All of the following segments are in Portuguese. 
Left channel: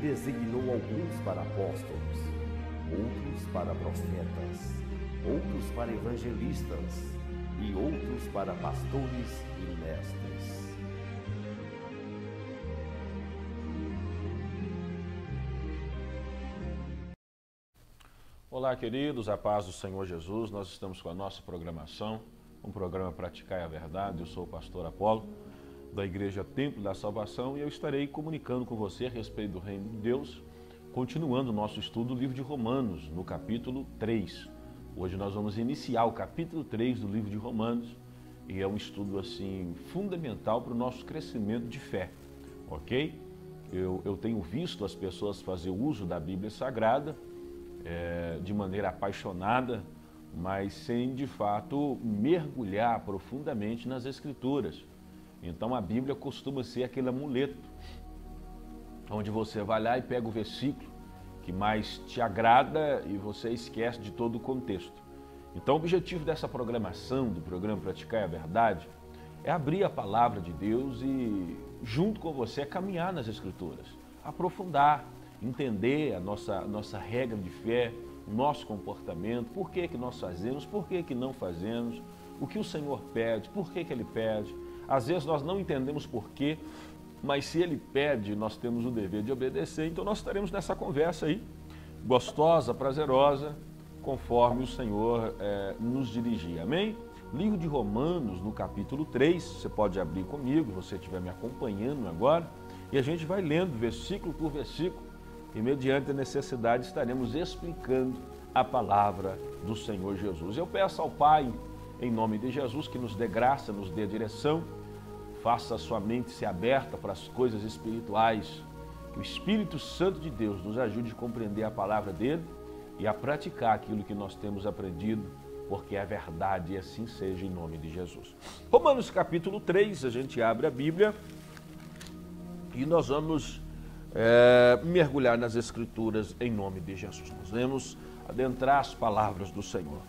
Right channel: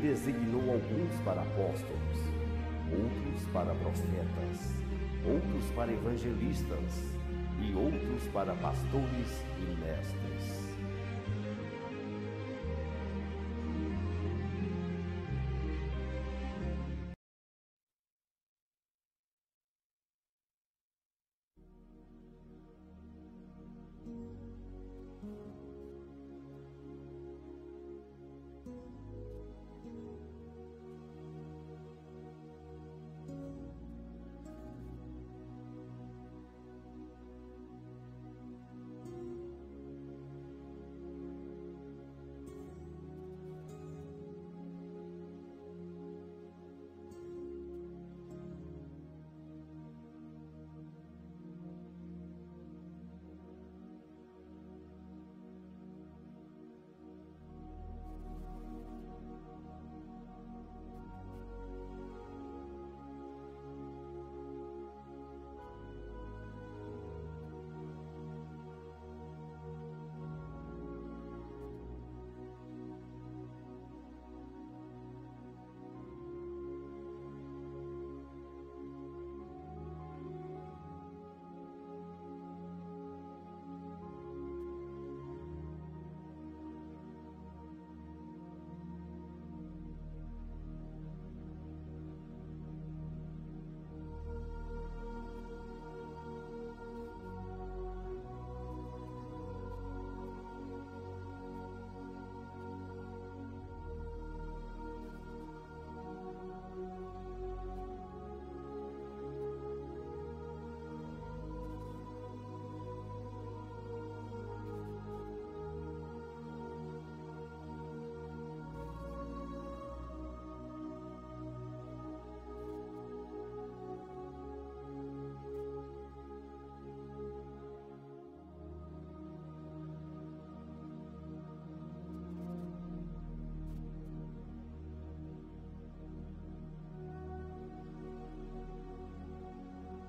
designou alguns para apóstolos, outros para profetas, outros para evangelistas e outros para pastores e mestres. Olá, queridos, a paz do Senhor Jesus. Nós estamos com a nossa programação, um programa Praticar a Verdade. Eu sou o pastor Apolo, da Igreja Templo da Salvação, e eu estarei comunicando com você a respeito do Reino de Deus, continuando o nosso estudo do livro de Romanos, no capítulo 3. Hoje nós vamos iniciar o capítulo 3 do livro de Romanos, e é um estudo assim fundamental para o nosso crescimento de fé, ok? Eu tenho visto as pessoas fazer uso da Bíblia Sagrada de maneira apaixonada, mas sem de fato mergulhar profundamente nas Escrituras. Então a Bíblia costuma ser aquele amuleto, onde você vai lá e pega o versículo que mais te agrada e você esquece de todo o contexto. Então o objetivo dessa programação, do programa Praticar a Verdade, é abrir a palavra de Deus e junto com você caminhar nas Escrituras, aprofundar, entender a nossa regra de fé, o nosso comportamento, por que nós fazemos, por que não fazemos, o que o Senhor pede, por que Ele pede. Às vezes nós não entendemos porquê, mas se Ele pede, nós temos o dever de obedecer. Então nós estaremos nessa conversa aí, gostosa, prazerosa, conforme o Senhor nos dirigir. Amém? Livro de Romanos, no capítulo 3, você pode abrir comigo, se você estiver me acompanhando agora, e a gente vai lendo versículo por versículo, e mediante a necessidade estaremos explicando a palavra do Senhor Jesus. Eu peço ao Pai, em nome de Jesus, que nos dê graça, nos dê direção, faça a sua mente ser aberta para as coisas espirituais, que o Espírito Santo de Deus nos ajude a compreender a palavra dele e a praticar aquilo que nós temos aprendido, porque é verdade e assim seja, em nome de Jesus. Romanos capítulo 3, a gente abre a Bíblia e nós vamos mergulhar nas Escrituras em nome de Jesus. Nós vamos adentrar as palavras do Senhor.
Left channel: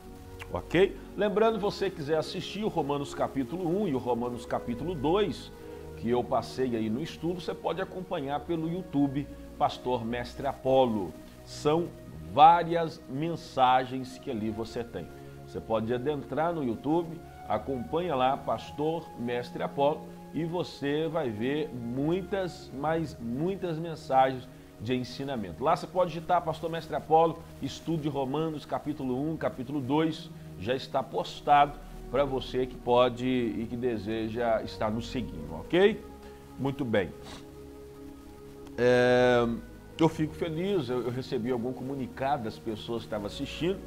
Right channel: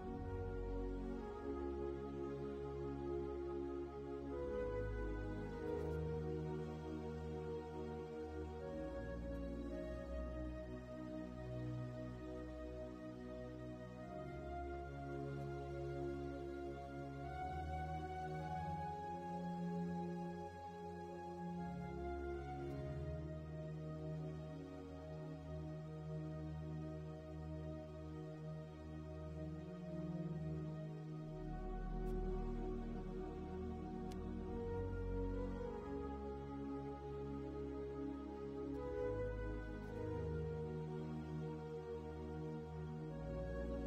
Ok? Lembrando, você quiser assistir o Romanos capítulo 1 e o Romanos capítulo 2, que eu passei aí no estudo, você pode acompanhar pelo YouTube, Pastor Mestre Apolo. São várias mensagens que ali você tem. Você pode adentrar no YouTube, acompanha lá, Pastor Mestre Apolo, e você vai ver muitas mensagens de ensinamento. Lá você pode digitar Pastor Mestre Apolo, estudo de Romanos, capítulo 1, capítulo 2, já está postado para você que pode e que deseja estar nos seguindo, ok? Muito bem. Eu fico feliz, eu recebi algum comunicado das pessoas que estavam assistindo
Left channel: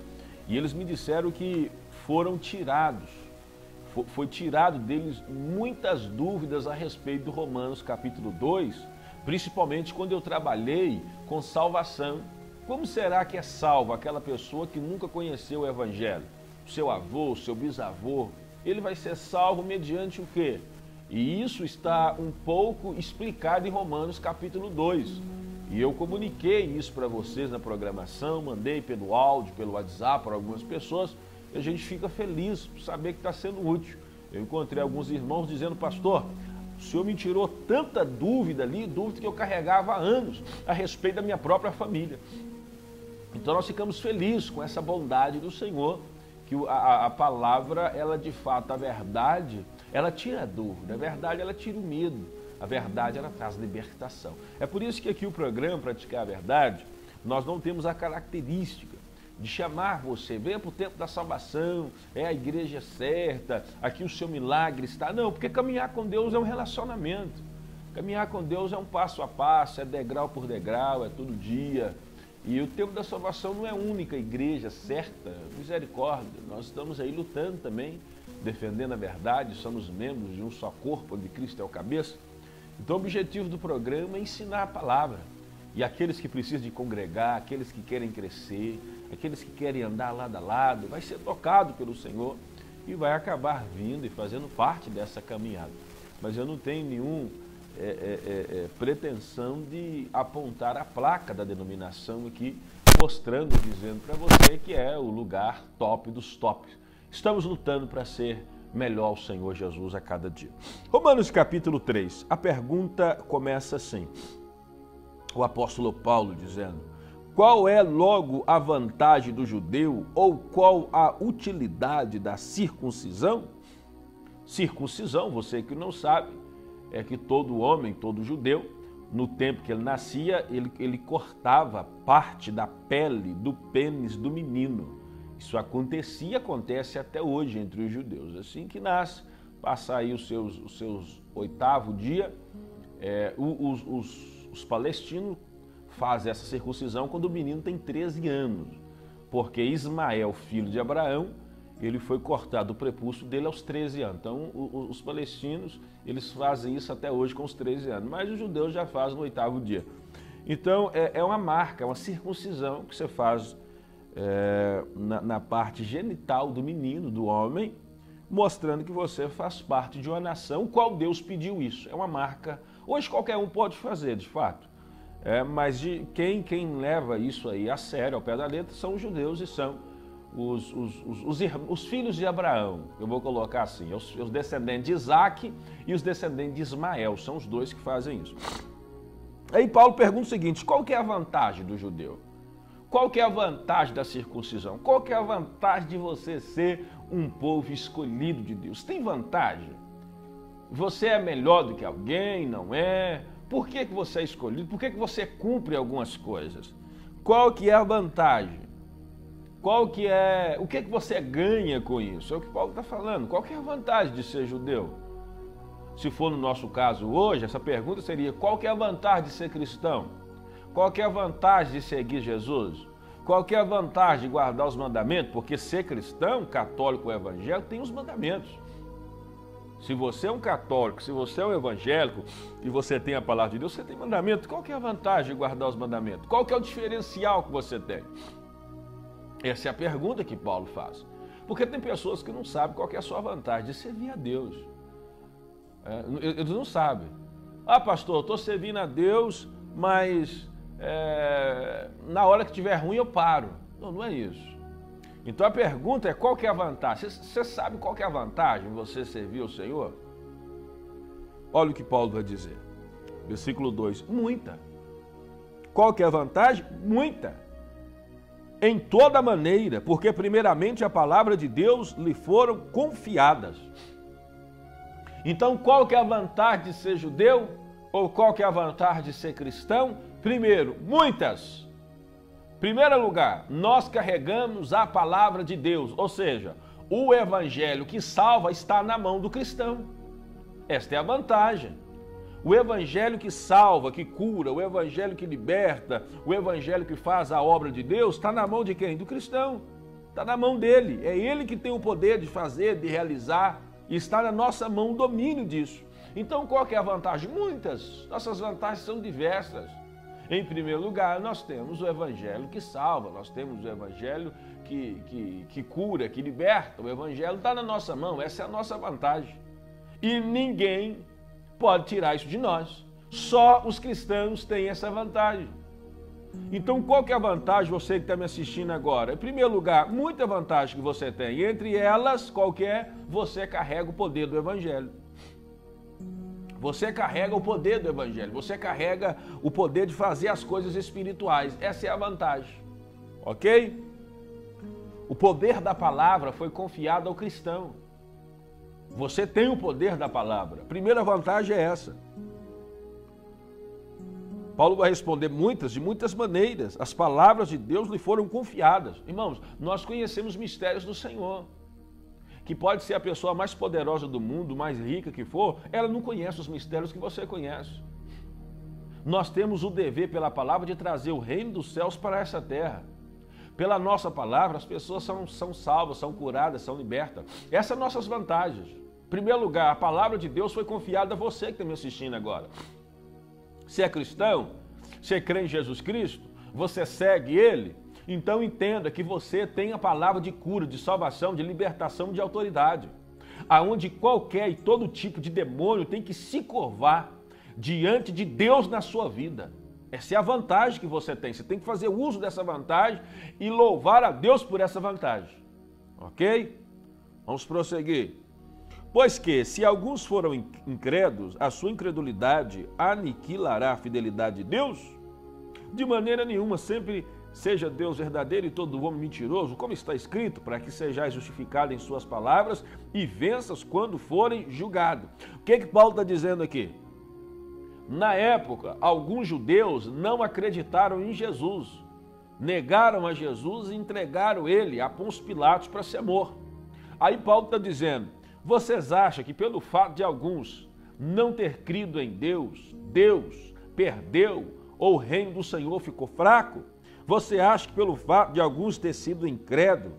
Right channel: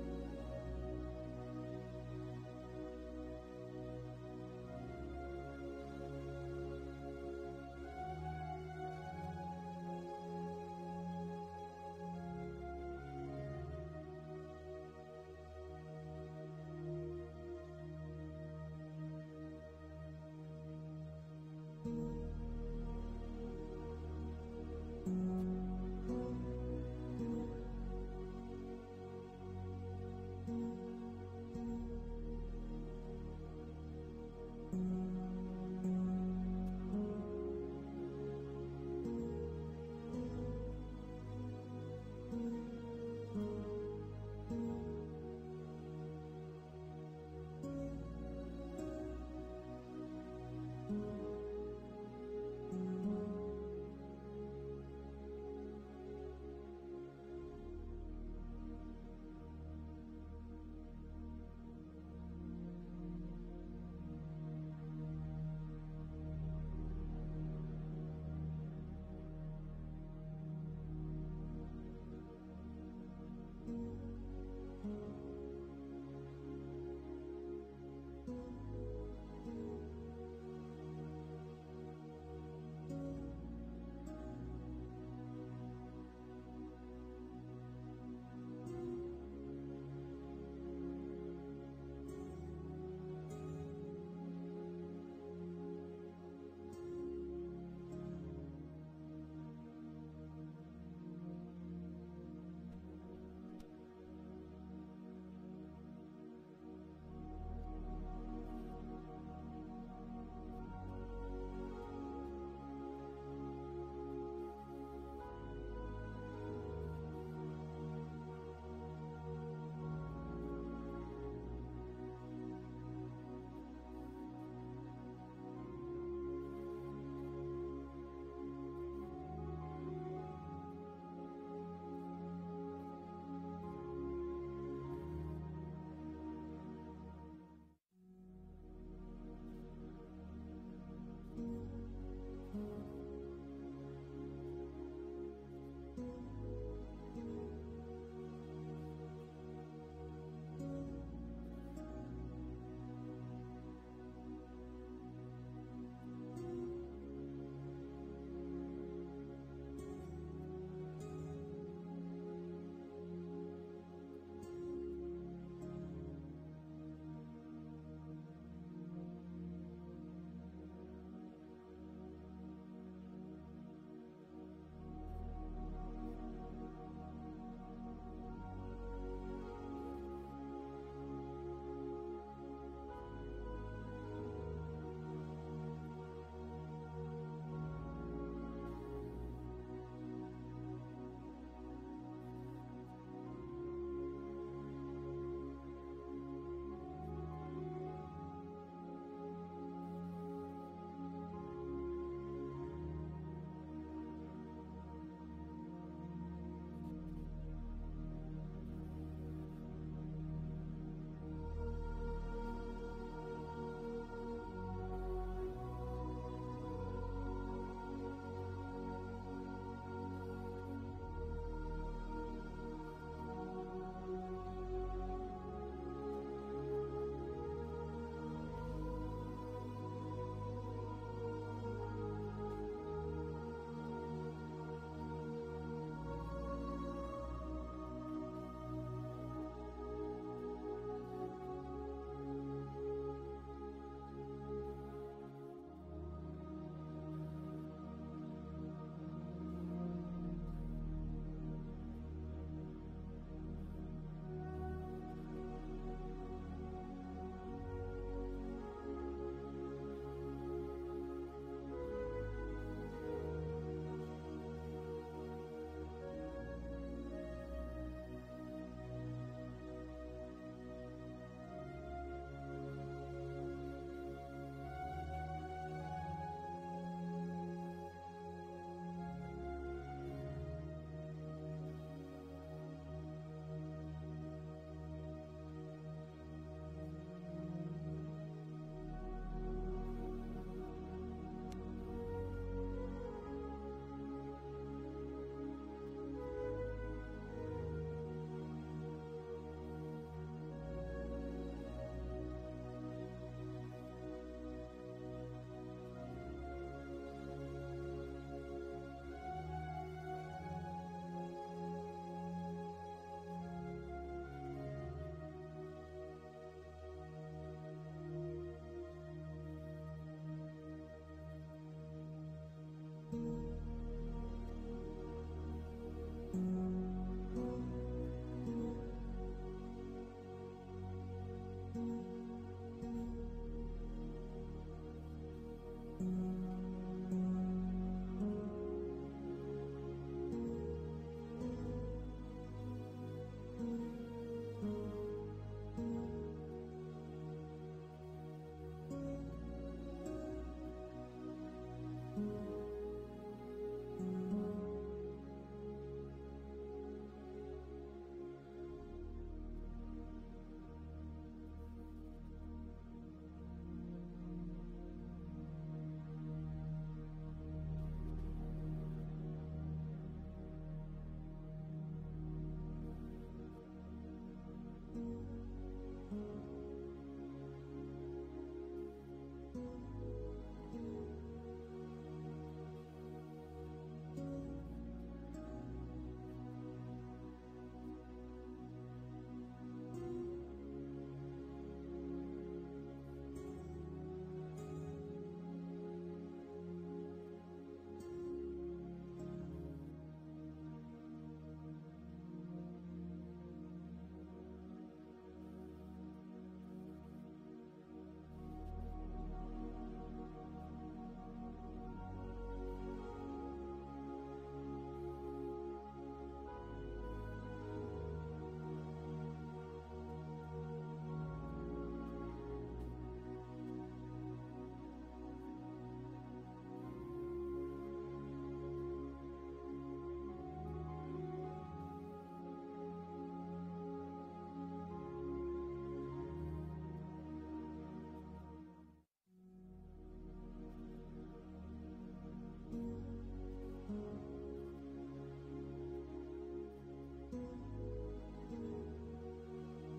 e eles me disseram que foram tirados, foi tirado deles muitas dúvidas a respeito do Romanos capítulo 2, principalmente quando eu trabalhei com salvação. Como será que é salvo aquela pessoa que nunca conheceu o Evangelho? O seu avô, o seu bisavô, ele vai ser salvo mediante o quê? E isso está um pouco explicado em Romanos capítulo 2. E eu comuniquei isso para vocês na programação, mandei pelo áudio, pelo WhatsApp para algumas pessoas, e a gente fica feliz por saber que está sendo útil. Eu encontrei alguns irmãos dizendo, pastor, o senhor me tirou tanta dúvida ali, dúvida que eu carregava há anos a respeito da minha própria família. Então nós ficamos felizes com essa bondade do Senhor, que a palavra, ela de fato, a verdade, ela tira a dúvida, a verdade, ela tira o medo, a verdade, ela traz libertação. É por isso que aqui o programa Praticar a Verdade, nós não temos a característica de chamar você, venha para o tempo da salvação, é a igreja certa, aqui o seu milagre está. Não, porque caminhar com Deus é um relacionamento. Caminhar com Deus é um passo a passo, é degrau por degrau, é todo dia. E o tempo da salvação não é a única igreja certa, misericórdia. Nós estamos aí lutando também, defendendo a verdade, somos membros de um só corpo, onde Cristo é o cabeça. Então o objetivo do programa é ensinar a palavra. E aqueles que precisam de congregar, aqueles que querem crescer, aqueles que querem andar lado a lado, vai ser tocado pelo Senhor e vai acabar vindo e fazendo parte dessa caminhada. Mas eu não tenho nenhuma pretensão de apontar a placa da denominação aqui, mostrando, dizendo para você que é o lugar top dos tops. Estamos lutando para ser melhor ao Senhor Jesus a cada dia. Romanos capítulo 3, a pergunta começa assim: o apóstolo Paulo dizendo: qual é logo a vantagem do judeu ou qual a utilidade da circuncisão? Circuncisão, você que não sabe, é que todo homem, todo judeu, no tempo que ele nascia, ele cortava parte da pele do pênis do menino. Isso acontecia e acontece até hoje entre os judeus. Assim que nasce, passa aí os seus 8º dia, os palestinos fazem essa circuncisão quando o menino tem 13 anos, porque Ismael, filho de Abraão, ele foi cortado o prepúcio dele aos 13 anos. Então, os palestinos, eles fazem isso até hoje com os 13 anos, mas os judeus já fazem no 8º dia. Então, é uma marca, é uma circuncisão que você faz na parte genital do menino, do homem, mostrando que você faz parte de uma nação, qual Deus pediu isso. É uma marca. Hoje qualquer um pode fazer, de fato. Mas quem leva isso aí a sério, ao pé da letra, são os judeus e são os filhos de Abraão. Eu vou colocar assim, os descendentes de Isaac e os descendentes de Ismael, são os dois que fazem isso. Aí Paulo pergunta o seguinte: qual que é a vantagem do judeu? Qual que é a vantagem da circuncisão? Qual que é a vantagem de você ser um povo escolhido de Deus? Tem vantagem? Você é melhor do que alguém? Não é? Por que você é escolhido? Por que você cumpre algumas coisas? Qual que é a vantagem? O que você ganha com isso? É o que Paulo está falando. Qual que é a vantagem de ser judeu? Se for no nosso caso hoje, essa pergunta seria: qual que é a vantagem de ser cristão? Qual que é a vantagem de seguir Jesus? Qual que é a vantagem de guardar os mandamentos? Porque ser cristão, católico ou evangélico, tem os mandamentos. Se você é um católico, se você é um evangélico e você tem a palavra de Deus, você tem mandamento. Qual que é a vantagem de guardar os mandamentos? Qual que é o diferencial que você tem? Essa é a pergunta que Paulo faz. Porque tem pessoas que não sabem qual que é a sua vantagem de servir a Deus. Eles não sabem. Ah, pastor, eu estou servindo a Deus, mas na hora que estiver ruim eu paro. Não é isso. Então a pergunta é: qual que é a vantagem? Você sabe qual que é a vantagem de você servir o Senhor? Olha o que Paulo vai dizer. Versículo 2. Muita. Qual que é a vantagem? Muita. Em toda maneira, porque primeiramente a palavra de Deus lhe foram confiadas. Então qual que é a vantagem de ser judeu? Ou qual que é a vantagem de ser cristão? Primeiro, muitas. Primeiro lugar, nós carregamos a palavra de Deus, ou seja, o evangelho que salva está na mão do cristão. Esta é a vantagem. O evangelho que salva, que cura, o evangelho que liberta, o evangelho que faz a obra de Deus, está na mão de quem? Do cristão. Está na mão dele. É ele que tem o poder de fazer, de realizar, e está na nossa mão o domínio disso. Então, qual que é a vantagem? Muitas. Nossas vantagens são diversas. Em primeiro lugar, nós temos o evangelho que salva, nós temos o evangelho que cura, que liberta. O evangelho está na nossa mão, essa é a nossa vantagem. E ninguém pode tirar isso de nós. Só os cristãos têm essa vantagem. Então, qual que é a vantagem, você que está me assistindo agora? Em primeiro lugar, muita vantagem que você tem. E entre elas, qual que é? Você carrega o poder do evangelho. Você carrega o poder do evangelho. Você carrega o poder de fazer as coisas espirituais. Essa é a vantagem. Ok? O poder da palavra foi confiado ao cristão. Você tem o poder da palavra. A primeira vantagem é essa. Paulo vai responder de muitas maneiras. As palavras de Deus lhe foram confiadas. Irmãos, nós conhecemos mistérios do Senhor. Que pode ser a pessoa mais poderosa do mundo, mais rica que for, ela não conhece os mistérios que você conhece. Nós temos o dever pela palavra de trazer o reino dos céus para essa terra. Pela nossa palavra, as pessoas são salvas, são curadas, são libertas. Essas são nossas vantagens. Em primeiro lugar, a palavra de Deus foi confiada a você que está me assistindo agora. Você é cristão? Você crê em Jesus Cristo? Você segue Ele? Então entenda que você tem a palavra de cura, de salvação, de libertação, de autoridade. Aonde qualquer e todo tipo de demônio tem que se curvar diante de Deus na sua vida. Essa é a vantagem que você tem. Você tem que fazer uso dessa vantagem e louvar a Deus por essa vantagem. Ok? Vamos prosseguir. Pois que, se alguns foram incrédulos, a sua incredulidade aniquilará a fidelidade de Deus? De maneira nenhuma, sempre seja Deus verdadeiro e todo homem mentiroso, como está escrito, para que sejais justificado em suas palavras e venças quando forem julgados. O que Paulo está dizendo aqui? Na época, alguns judeus não acreditaram em Jesus, negaram a Jesus e entregaram ele a Pôncio Pilatos para ser morto. Aí Paulo está dizendo, vocês acham que pelo fato de alguns não ter crido em Deus, Deus perdeu ou o reino do Senhor ficou fraco? Você acha que pelo fato de alguns ter sido incrédulos,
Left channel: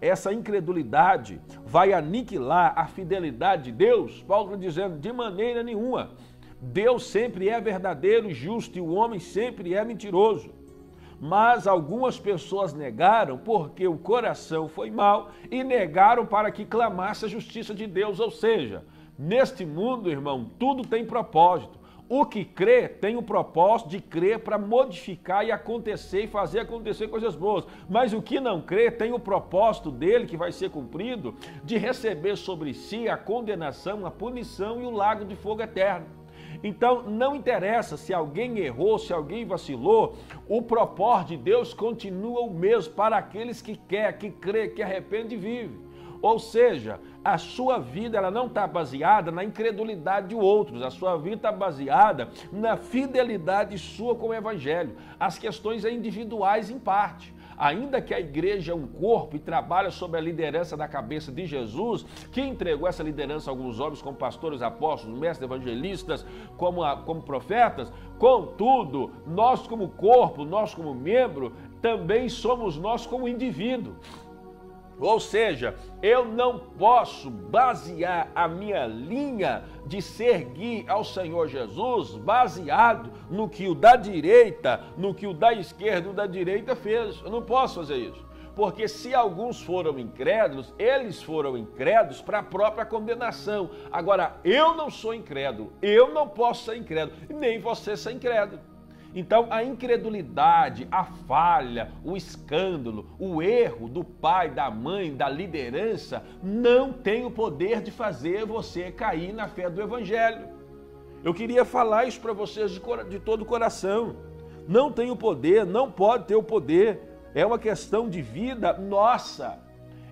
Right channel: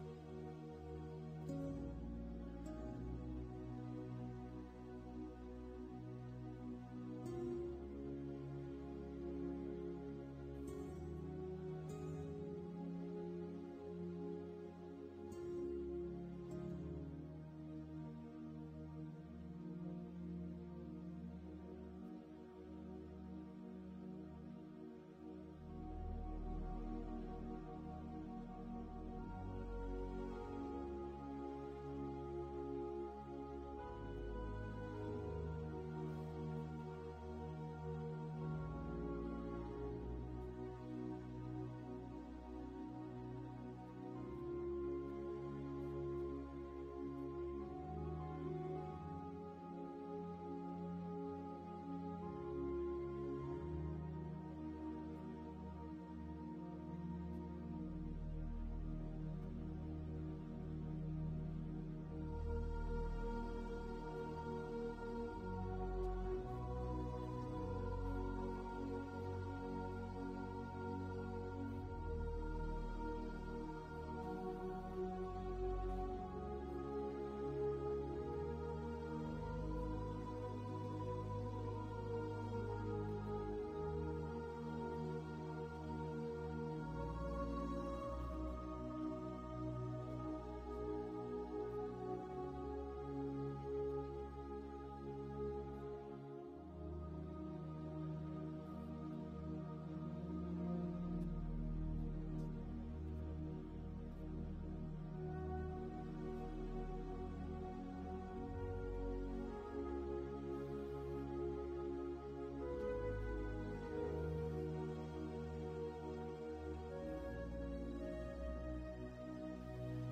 essa incredulidade vai aniquilar a fidelidade de Deus? Paulo está dizendo, de maneira nenhuma. Deus sempre é verdadeiro e justo e o homem sempre é mentiroso. Mas algumas pessoas negaram porque o coração foi mau e negaram para que clamasse a justiça de Deus. Ou seja, neste mundo, irmão, tudo tem propósito. O que crê tem o propósito de crer para modificar e acontecer e fazer acontecer coisas boas. Mas o que não crê tem o propósito dele, que vai ser cumprido, de receber sobre si a condenação, a punição e o lago de fogo eterno. Então, não interessa se alguém errou, se alguém vacilou, o propósito de Deus continua o mesmo para aqueles que quer, que crê, que arrepende e vive. Ou seja, a sua vida ela não está baseada na incredulidade de outros, a sua vida está baseada na fidelidade sua com o Evangelho. As questões são individuais em parte. Ainda que a igreja é um corpo e trabalha sob a liderança da cabeça de Jesus, que entregou essa liderança a alguns homens como pastores, apóstolos, mestres, evangelistas, como profetas, contudo, nós como corpo, nós como membro, também somos nós como indivíduo. Ou seja, eu não posso basear a minha linha de seguir ao Senhor Jesus baseado no que o da direita, no que o da esquerda e o da direita fez. Eu não posso fazer isso. Porque se alguns foram incrédulos, eles foram incrédulos para a própria condenação. Agora, eu não sou incrédulo, eu não posso ser incrédulo, nem você ser incrédulo. Então, a incredulidade, a falha, o escândalo, o erro do pai, da mãe, da liderança, não tem o poder de fazer você cair na fé do Evangelho. Eu queria falar isso para vocês de todo o coração. Não tem o poder, não pode ter o poder. É uma questão de vida nossa.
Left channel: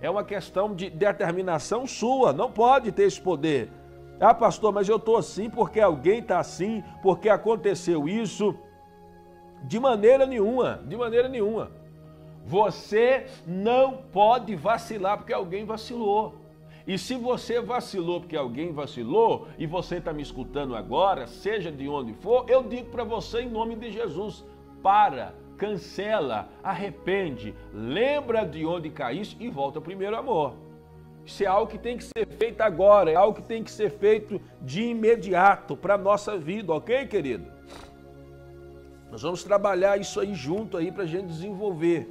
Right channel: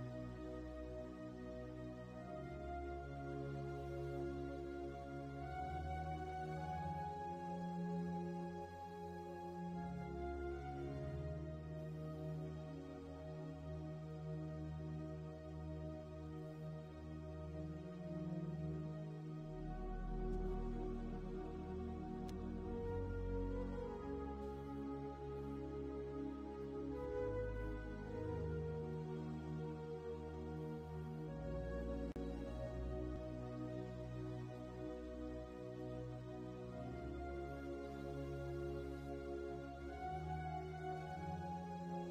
É uma questão de determinação sua. Não pode ter esse poder. Ah, pastor, mas eu estou assim porque alguém está assim, porque aconteceu isso. De maneira nenhuma, de maneira nenhuma. Você não pode vacilar porque alguém vacilou. E se você vacilou porque alguém vacilou, e você está me escutando agora, seja de onde for, eu digo para você em nome de Jesus, para, cancela, arrepende, lembra de onde caíste e volta ao primeiro amor. Isso é algo que tem que ser feito agora, é algo que tem que ser feito de imediato para a nossa vida, ok, querido? Nós vamos trabalhar isso aí junto aí para a gente desenvolver.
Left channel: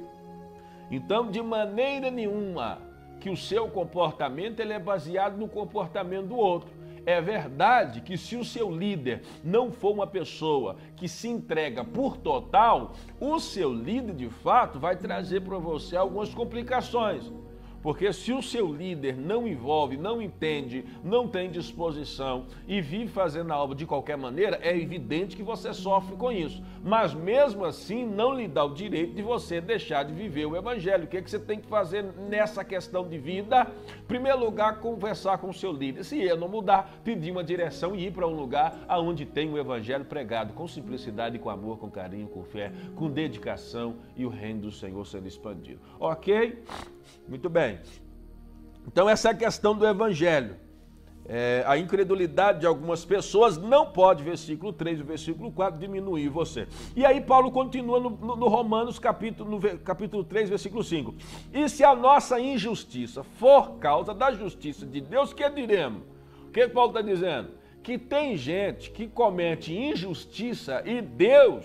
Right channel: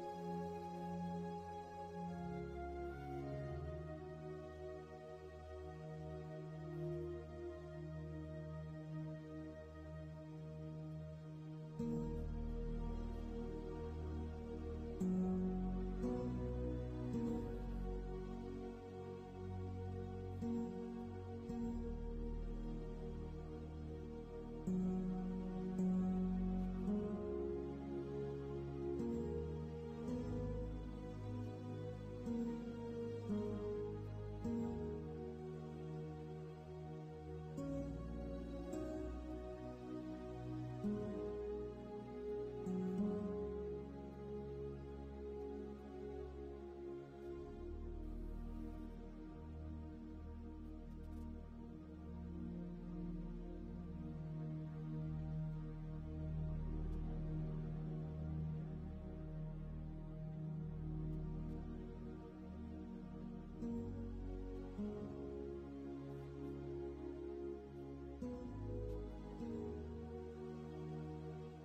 Então, de maneira nenhuma que o seu comportamento ele é baseado no comportamento do outro. É verdade que se o seu líder não for uma pessoa que se entrega por total, o seu líder de fato vai trazer para você algumas complicações. Porque se o seu líder não envolve, não entende, não tem disposição e vive fazendo a obra de qualquer maneira, é evidente que você sofre com isso. Mas mesmo assim não lhe dá o direito de você deixar de viver o Evangelho. O que é que você tem que fazer nessa questão de vida? Em primeiro lugar, conversar com o seu líder. Se ele não mudar, pedir uma direção e ir para um lugar onde tem o Evangelho pregado com simplicidade, com amor, com carinho, com fé, com dedicação e o reino do Senhor sendo expandido. Ok? Muito bem. Então essa é a questão do Evangelho. A incredulidade de algumas pessoas não pode, versículo 3 e versículo 4, diminuir você. E aí Paulo continua no Romanos capítulo 3, versículo 5. E se a nossa injustiça for causa da justiça de Deus, que diremos? O que Paulo está dizendo? Que tem gente que comete injustiça e Deus,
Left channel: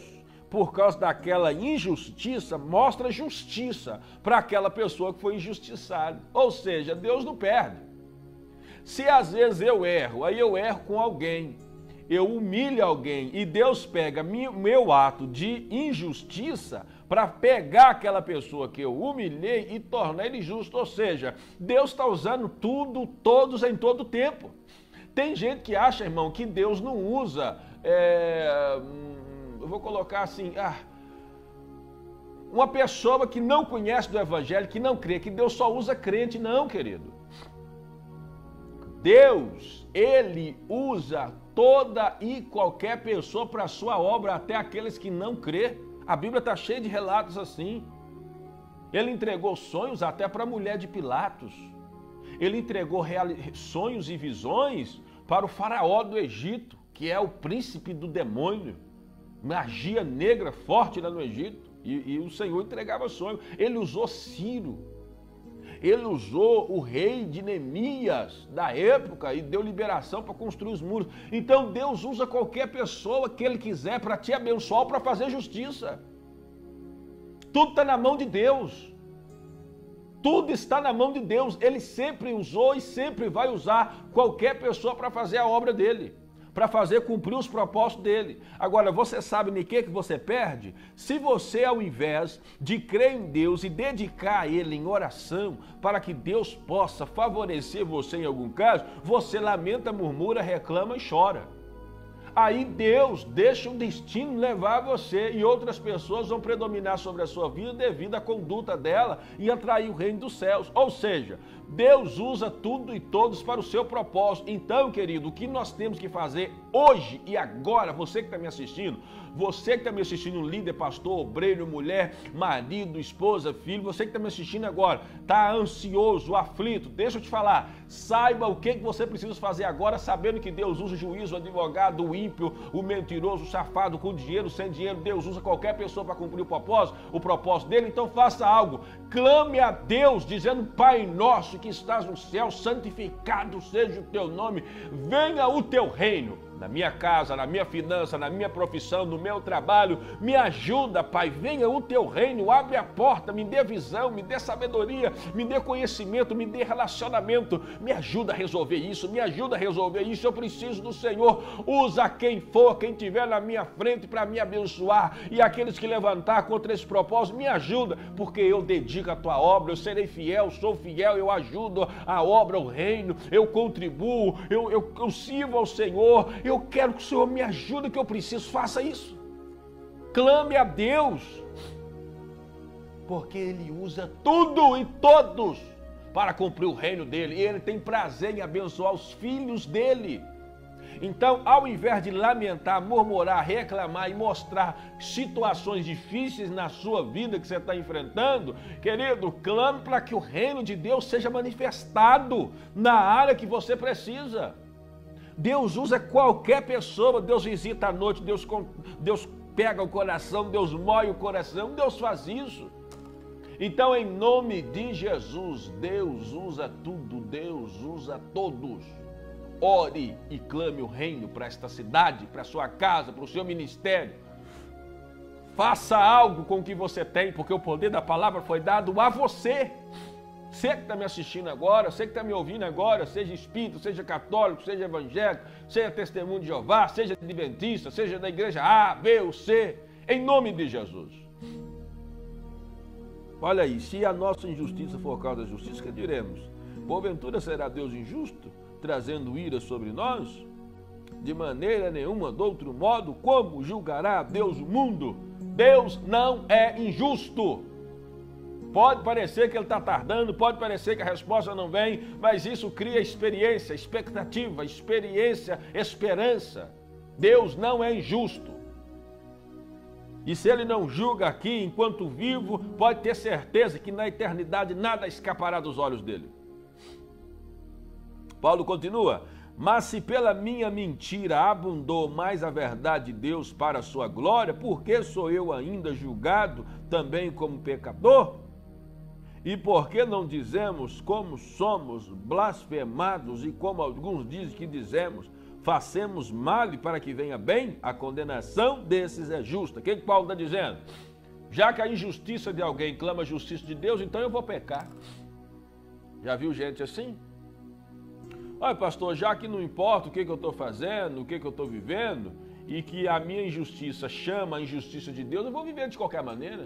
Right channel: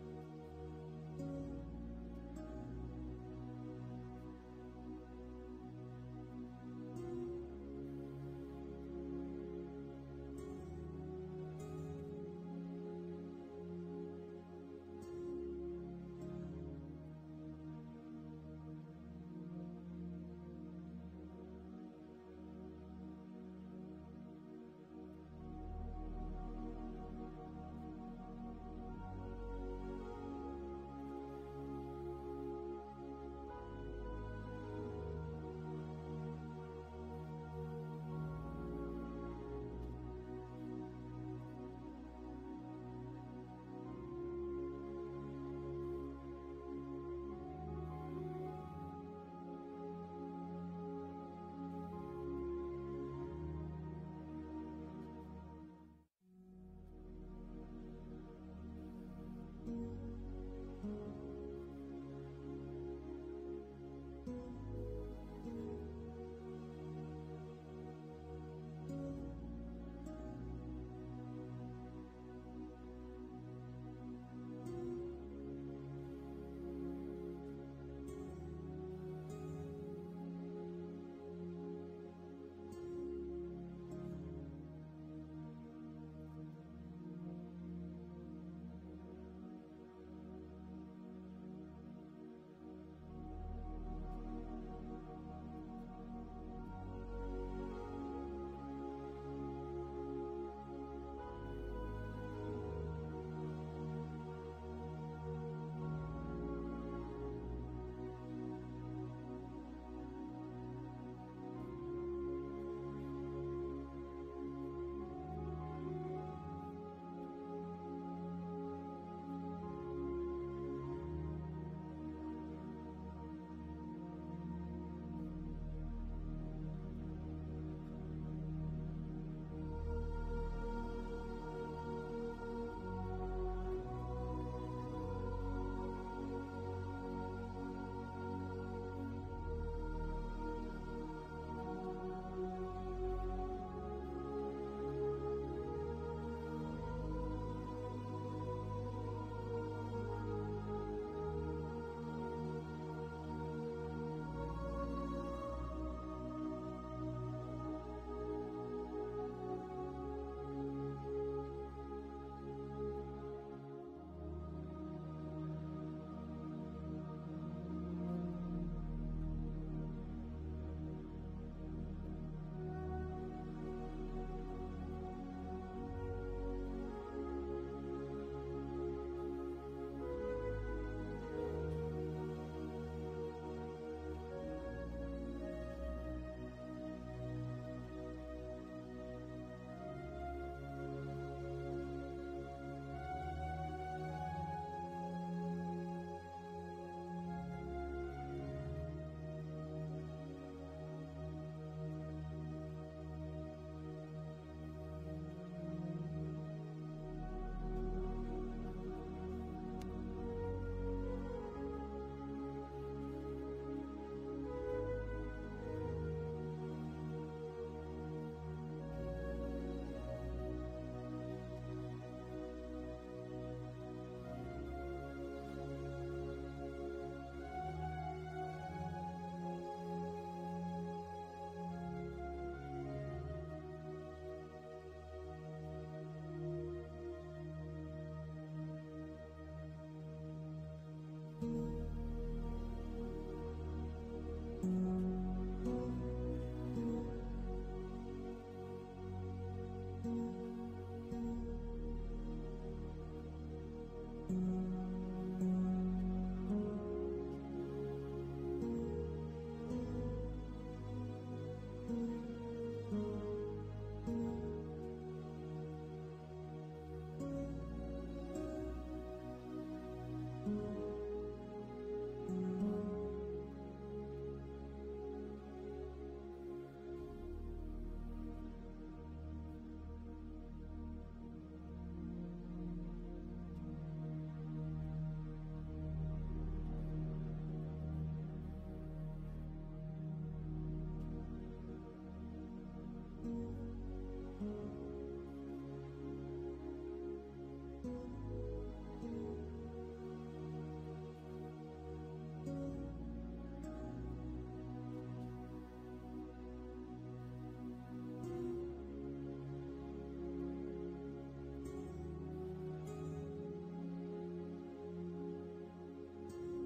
por causa daquela injustiça, mostra justiça para aquela pessoa que foi injustiçada. Ou seja, Deus não perde. Se às vezes eu erro, aí eu erro com alguém, eu humilho alguém e Deus pega meu ato de injustiça para pegar aquela pessoa que eu humilhei e tornar ele justo. Ou seja, Deus está usando tudo, todos em todo tempo. Tem gente que acha, irmão, que Deus não usa... eu vou colocar assim, Uma pessoa que não conhece do Evangelho, que não crê, que Deus só usa crente, não, querido. Deus, Ele usa toda e qualquer pessoa para a sua obra, até aqueles que não crê. A Bíblia está cheia de relatos assim. Ele entregou sonhos até para a mulher de Pilatos. Ele entregou sonhos e visões para o faraó do Egito, que é o príncipe do demônio. Magia negra forte lá no Egito. E o Senhor entregava sonhos. Ele usou Ciro. Ele usou o rei de Neemias da época e deu liberação para construir os muros. Então Deus usa qualquer pessoa que Ele quiser para te abençoar ou para fazer justiça. Tudo está na mão de Deus. Tudo está na mão de Deus. Ele sempre usou e sempre vai usar qualquer pessoa para fazer a obra dele, para fazer cumprir os propósitos dele. Agora, você sabe em que você perde? Se você, ao invés de crer em Deus e dedicar a Ele em oração, para que Deus possa favorecer você em algum caso, você lamenta, murmura, reclama e chora. Aí Deus deixa o destino levar você e outras pessoas vão predominar sobre a sua vida devido à conduta dela e atrair o reino dos céus. Ou seja, Deus usa tudo e todos para o seu propósito. Então, querido, o que nós temos que fazer hoje e agora, você que está me assistindo, você que está me assistindo, líder, pastor, obreiro, mulher, marido, esposa, filho, você que está me assistindo agora, está ansioso, aflito, deixa eu te falar, saiba o que você precisa fazer agora, sabendo que Deus usa o juiz, o advogado, o ímpio, o mentiroso, o safado, com dinheiro, sem dinheiro, Deus usa qualquer pessoa para cumprir o propósito dele, então faça algo, clame a Deus, dizendo, Pai nosso que estás no céu, santificado seja o teu nome, venha o teu reino. Na minha casa, na minha finança, na minha profissão, no meu trabalho, me ajuda, Pai, venha o teu reino, abre a porta, me dê visão, me dê sabedoria, me dê conhecimento, me dê relacionamento, me ajuda a resolver isso, eu preciso do Senhor, usa quem for, quem tiver na minha frente para me abençoar, e aqueles que levantar contra esse propósito, me ajuda, porque eu dedico a tua obra, eu serei fiel, sou fiel, eu ajudo a obra, o reino, eu contribuo, eu sirvo ao Senhor, eu quero que o Senhor me ajude, que eu preciso, faça isso. Clame a Deus, porque Ele usa tudo e todos para cumprir o reino dEle. E Ele tem prazer em abençoar os filhos dEle. Então, ao invés de lamentar, murmurar, reclamar e mostrar situações difíceis na sua vida que você está enfrentando, querido, clame para que o reino de Deus seja manifestado na área que você precisa. Deus usa qualquer pessoa, Deus visita à noite, Deus pega o coração, Deus moe o coração, Deus faz isso. Então, em nome de Jesus, Deus usa tudo, Deus usa todos. Ore e clame o reino para esta cidade, para a sua casa, para o seu ministério. Faça algo com o que você tem, porque o poder da palavra foi dado a você. Você que está me assistindo agora, você que está me ouvindo agora, seja espírita, seja católico, seja evangélico, seja testemunho de Jeová, seja adventista, seja da igreja A, B ou C, em nome de Jesus. Olha aí, se a nossa injustiça for causa da justiça, que diremos? Porventura será Deus injusto, trazendo ira sobre nós? De maneira nenhuma, de outro modo, como julgará Deus o mundo? Deus não é injusto. Pode parecer que ele está tardando, pode parecer que a resposta não vem, mas isso cria experiência, expectativa, esperança. Deus não é injusto. E se Ele não julga aqui enquanto vivo, pode ter certeza que na eternidade nada escapará dos olhos dele. Paulo continua, mas se pela minha mentira abundou mais a verdade de Deus para a sua glória, por que sou eu ainda julgado também como pecador? E por que não dizemos como somos blasfemados e como alguns dizem que dizemos, façamos mal para que venha bem? A condenação desses é justa. O que Paulo está dizendo? Já que a injustiça de alguém clama a justiça de Deus, então eu vou pecar. Já viu gente assim? Olha, pastor, já que não importa o que eu estou fazendo, o que eu estou vivendo, e que a minha injustiça chama a injustiça de Deus, eu vou viver de qualquer maneira.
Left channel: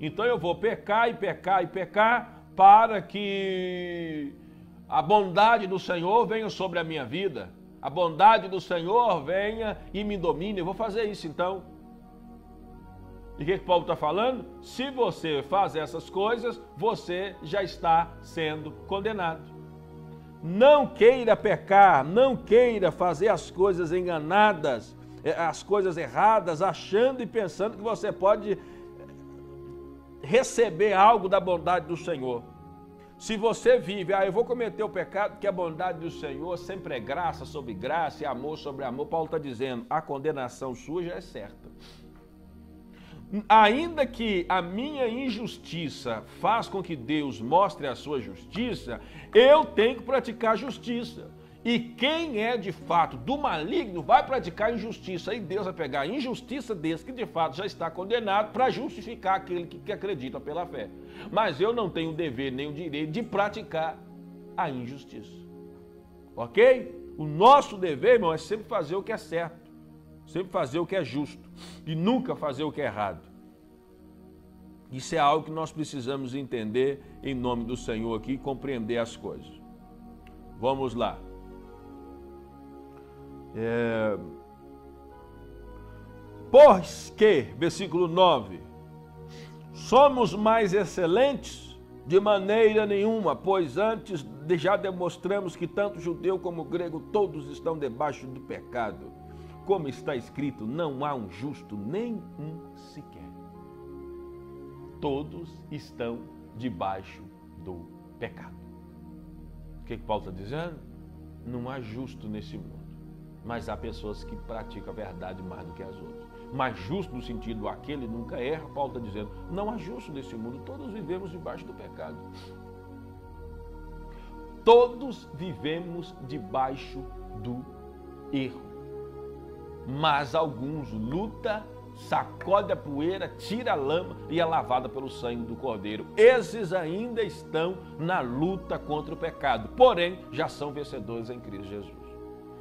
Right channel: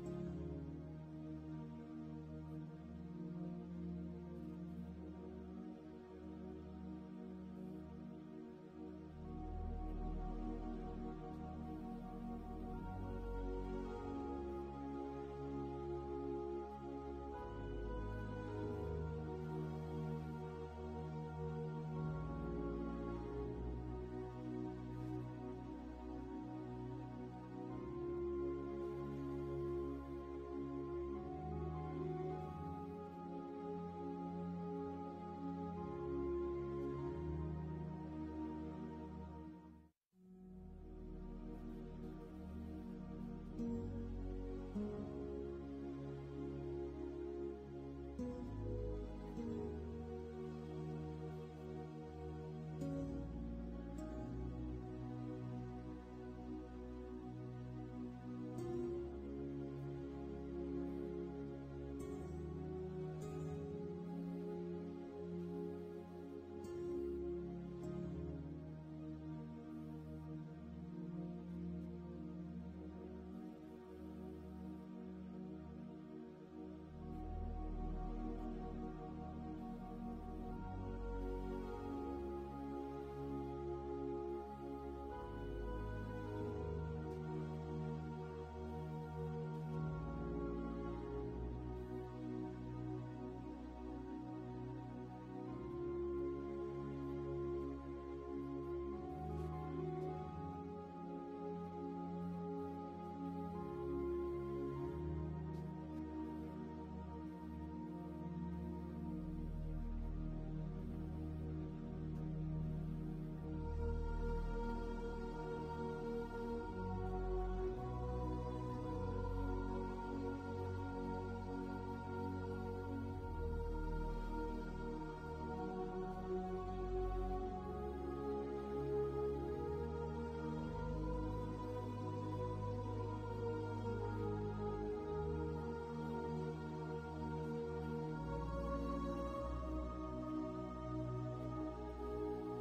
Então eu vou pecar e pecar e pecar para que a bondade do Senhor venha sobre a minha vida. A bondade do Senhor venha e me domine. Eu vou fazer isso então. E o que Paulo está falando? Se você faz essas coisas, você já está sendo condenado. Não queira pecar, não queira fazer as coisas enganadas, as coisas erradas, achando e pensando que você pode receber algo da bondade do Senhor. Se você vive, eu vou cometer o pecado porque a bondade do Senhor sempre é graça sobre graça e amor sobre amor. Paulo está dizendo, a condenação sua já é certa. Ainda que a minha injustiça faça com que Deus mostre a sua justiça, eu tenho que praticar justiça. E quem é de fato do maligno vai praticar injustiça. E Deus vai pegar a injustiça desse que de fato já está condenado para justificar aquele que acredita pela fé. Mas eu não tenho o dever nem o direito de praticar a injustiça. Ok? O nosso dever, irmão, é sempre fazer o que é certo. Sempre fazer o que é justo e nunca fazer o que é errado. Isso é algo que nós precisamos entender em nome do Senhor aqui e compreender as coisas. Vamos lá. Pois que, versículo 9, somos mais excelentes de maneira nenhuma, pois antes já demonstramos que tanto judeu como grego todos estão debaixo do pecado. Como está escrito, não há um justo, nem um sequer. Todos estão debaixo do pecado. O que Paulo está dizendo? Não há justo nesse mundo, mas há pessoas que praticam a verdade mais do que as outras. Mas justo no sentido, aquele nunca erra, Paulo está dizendo, não há justo nesse mundo, todos vivemos debaixo do pecado. Todos vivemos debaixo do erro. Mas alguns lutam, sacode a poeira, tira a lama e é lavada pelo sangue do Cordeiro. Esses ainda estão na luta contra o pecado, porém já são vencedores em Cristo Jesus.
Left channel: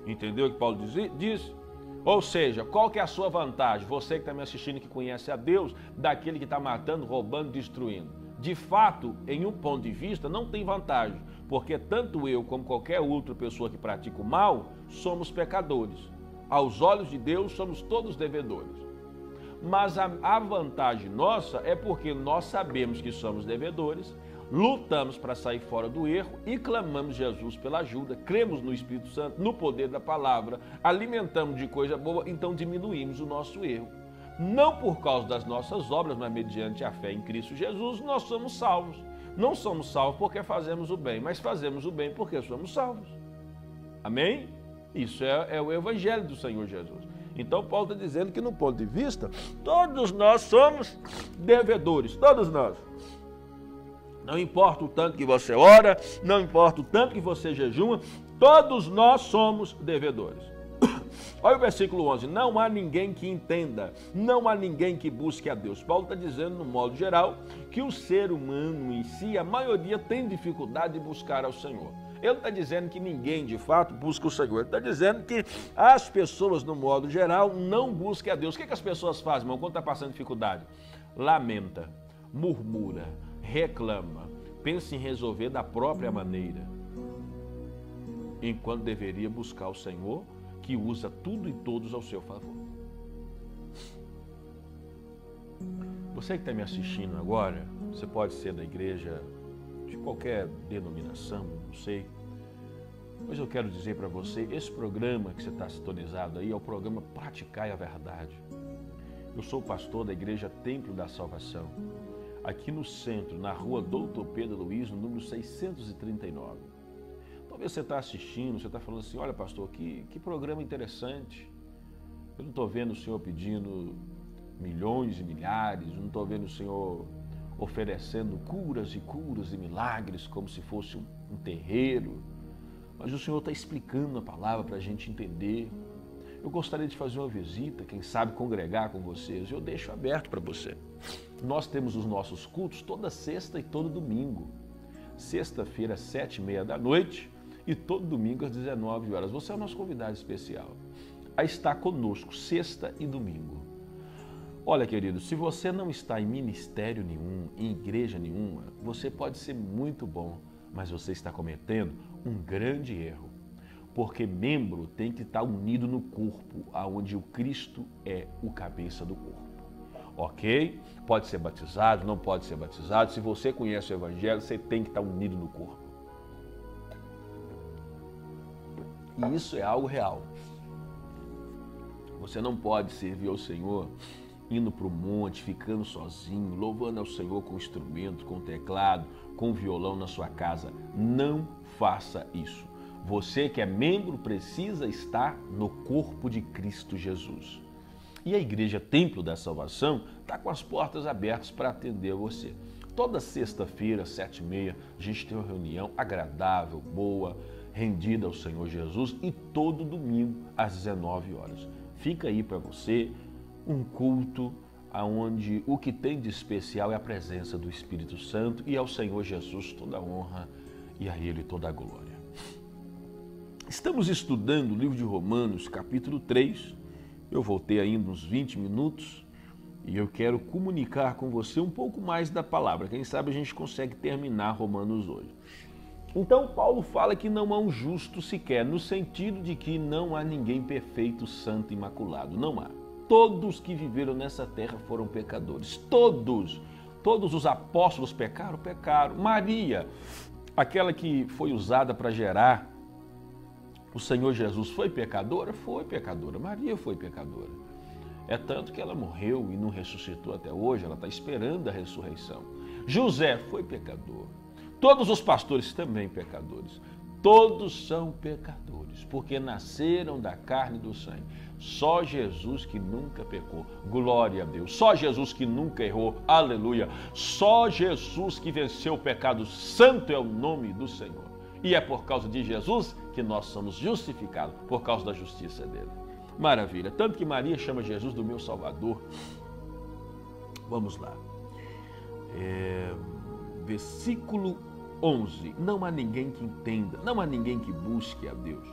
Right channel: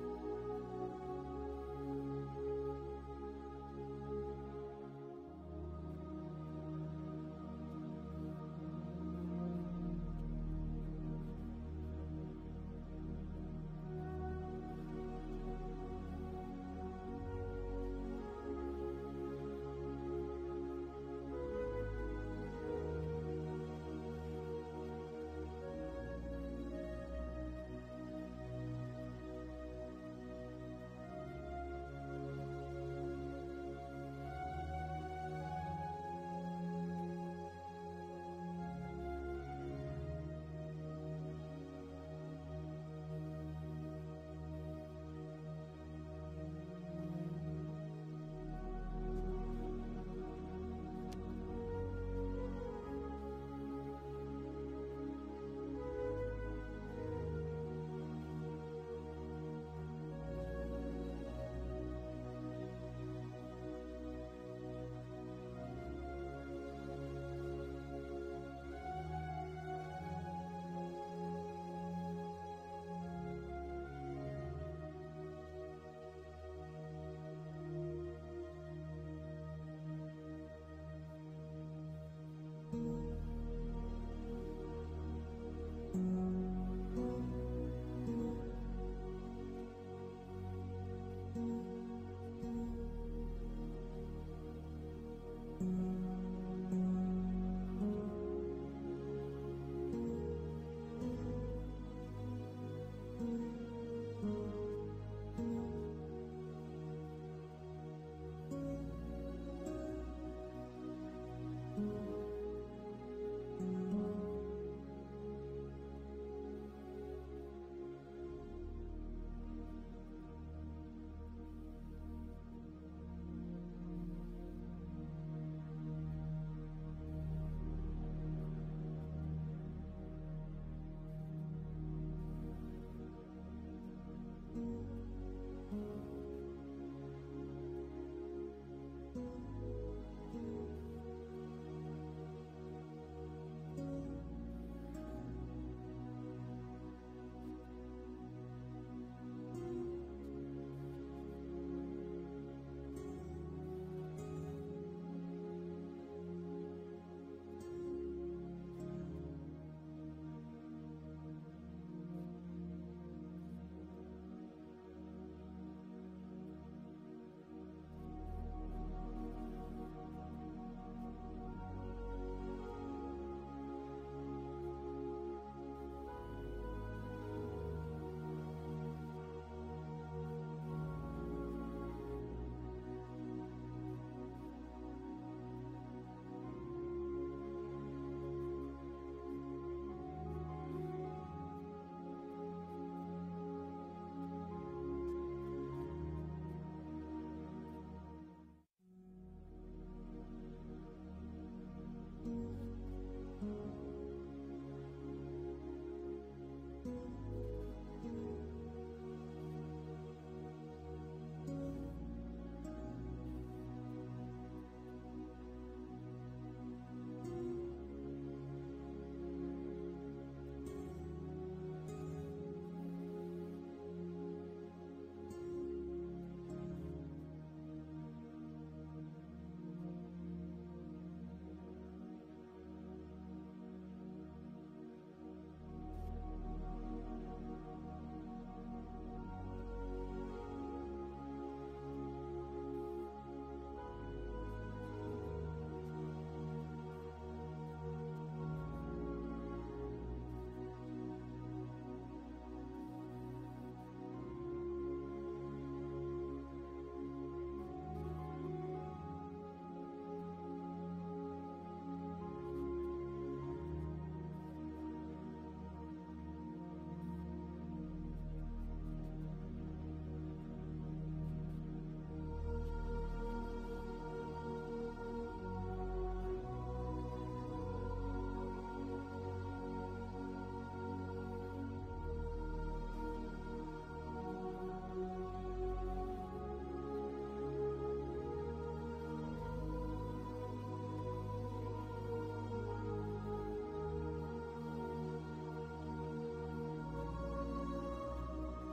Entendeu o que Paulo diz? Ou seja, qual que é a sua vantagem? Você que está me assistindo, que conhece a Deus, daquele que está matando, roubando, destruindo. De fato, em um ponto de vista, não tem vantagem, porque tanto eu como qualquer outra pessoa que pratica o mal, somos pecadores. Aos olhos de Deus, somos todos devedores. Mas a vantagem nossa é porque nós sabemos que somos devedores, lutamos para sair fora do erro e clamamos Jesus pela ajuda, cremos no Espírito Santo, no poder da palavra, alimentamos de coisa boa, então diminuímos o nosso erro. Não por causa das nossas obras, mas mediante a fé em Cristo Jesus, nós somos salvos. Não somos salvos porque fazemos o bem, mas fazemos o bem porque somos salvos. Amém? Isso é o Evangelho do Senhor Jesus. Então Paulo está dizendo que no ponto de vista, todos nós somos devedores, todos nós. Não importa o tanto que você ora, não importa o tanto que você jejuma, todos nós somos devedores. Olha o versículo 11, não há ninguém que entenda, não há ninguém que busque a Deus. Paulo está dizendo, no modo geral, que o ser humano em si, a maioria tem dificuldade de buscar ao Senhor. Ele está dizendo que ninguém, de fato, busca o Senhor. Ele está dizendo que as pessoas, no modo geral, não buscam a Deus. O que as pessoas fazem, irmão, quando está passando dificuldade? Lamenta, murmura, reclama, pensa em resolver da própria maneira, enquanto deveria buscar o Senhor, que usa tudo e todos ao seu favor. Você que está me assistindo agora, você pode ser da igreja de qualquer denominação, não sei, mas eu quero dizer para você, esse programa que você está sintonizado aí é o programa Praticai a Verdade. Eu sou pastor da igreja Templo da Salvação, aqui no centro, na rua Doutor Pedro Luiz, no número 639. Talvez você está assistindo, você está falando assim, olha pastor, que programa interessante. Eu não estou vendo o senhor pedindo milhões e milhares, não estou vendo o senhor oferecendo curas e milagres como se fosse um terreiro, mas o Senhor está explicando a palavra para a gente entender. Eu gostaria de fazer uma visita, quem sabe congregar com vocês, eu deixo aberto para você. Nós temos os nossos cultos toda sexta e todo domingo. Sexta-feira às 7h30 da noite e todo domingo às 19 horas. Você é o nosso convidado especial a estar conosco sexta e domingo. Olha, querido, se você não está em ministério nenhum, em igreja nenhuma, você pode ser muito bom, mas você está cometendo um grande erro, porque membro tem que estar unido no corpo, aonde o Cristo é o cabeça do corpo. Ok? Pode ser batizado, não pode ser batizado. Se você conhece o Evangelho, você tem que estar unido no corpo. E isso é algo real. Você não pode servir ao Senhor indo para o monte, ficando sozinho, louvando ao Senhor com instrumento, com teclado, com violão na sua casa. Não faça isso. Você que é membro precisa estar no corpo de Cristo Jesus. E a Igreja Templo da Salvação está com as portas abertas para atender você. Toda sexta-feira, 7h30, a gente tem uma reunião agradável, boa, rendida ao Senhor Jesus, e todo domingo às 19 horas. Fica aí para você um culto onde o que tem de especial é a presença do Espírito Santo, e ao Senhor Jesus toda a honra e a Ele toda a glória. Estamos estudando o livro de Romanos, capítulo 3. Eu voltei ainda uns 20 minutos e eu quero comunicar com você um pouco mais da palavra. Quem sabe a gente consegue terminar Romanos hoje. Então, Paulo fala que não há um justo sequer, no sentido de que não há ninguém perfeito, santo, imaculado. Não há. Todos que viveram nessa terra foram pecadores. Todos. Todos os apóstolos pecaram. Maria, aquela que foi usada para gerar o Senhor Jesus, foi pecadora? Foi pecadora. Maria foi pecadora. É tanto que ela morreu e não ressuscitou até hoje. Ela está esperando a ressurreição. José foi pecador. Todos os pastores também pecadores. Todos são pecadores, porque nasceram da carne e do sangue. Só Jesus que nunca pecou. Glória a Deus. Só Jesus que nunca errou. Aleluia. Só Jesus que venceu o pecado. Santo é o nome do Senhor. E é por causa de Jesus que nós somos justificados, por causa da justiça dele. Maravilha. Tanto que Maria chama Jesus do meu Salvador. Vamos lá. Versículo 11. Não há ninguém que entenda, não há ninguém que busque a Deus.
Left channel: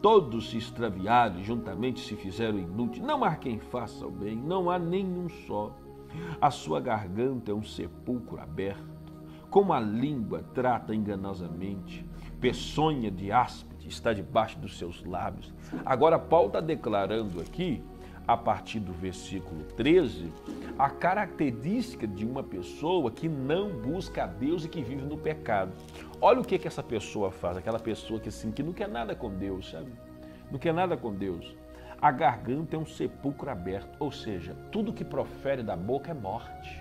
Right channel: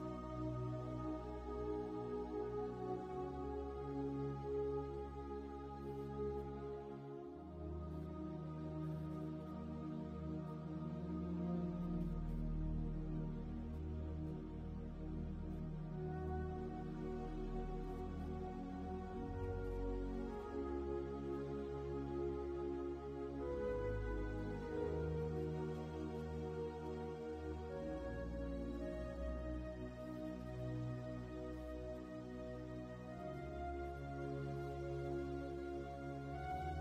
Todos se extraviaram, juntamente se fizeram inúteis. Não há quem faça o bem, não há nenhum só. A sua garganta é um sepulcro aberto. Como a língua trata enganosamente, peçonha de áspide está debaixo dos seus lábios. Agora, Paulo está declarando aqui, a partir do versículo 13, a característica de uma pessoa que não busca a Deus e que vive no pecado. Olha o que essa pessoa faz, aquela pessoa que, assim, que não quer nada com Deus, sabe? Não quer nada com Deus. A garganta é um sepulcro aberto, ou seja, tudo que profere da boca é morte.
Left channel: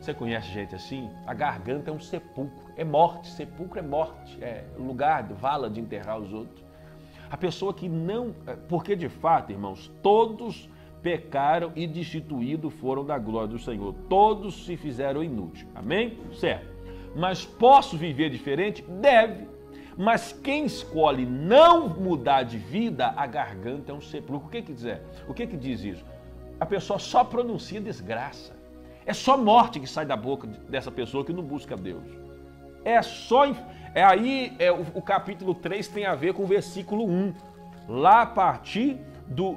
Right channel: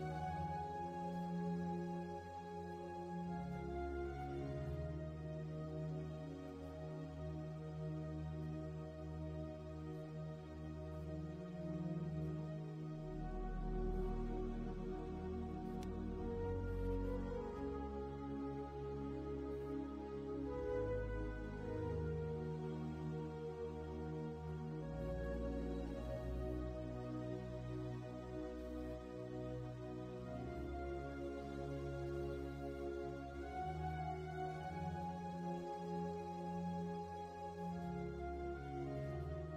Você conhece gente assim? A garganta é um sepulcro, é morte, sepulcro é morte, é lugar, vala de enterrar os outros. A pessoa que não, porque de fato, irmãos, todos pecaram e destituídos foram da glória do Senhor. Todos se fizeram inúteis. Amém? Certo. Mas posso viver diferente? Deve. Mas quem escolhe não mudar de vida, a garganta é um sepulcro. O que quer dizer? O que diz isso? A pessoa só pronuncia desgraça. É só morte que sai da boca dessa pessoa que não busca Deus. O capítulo 3 tem a ver com o versículo 1. Lá a partir do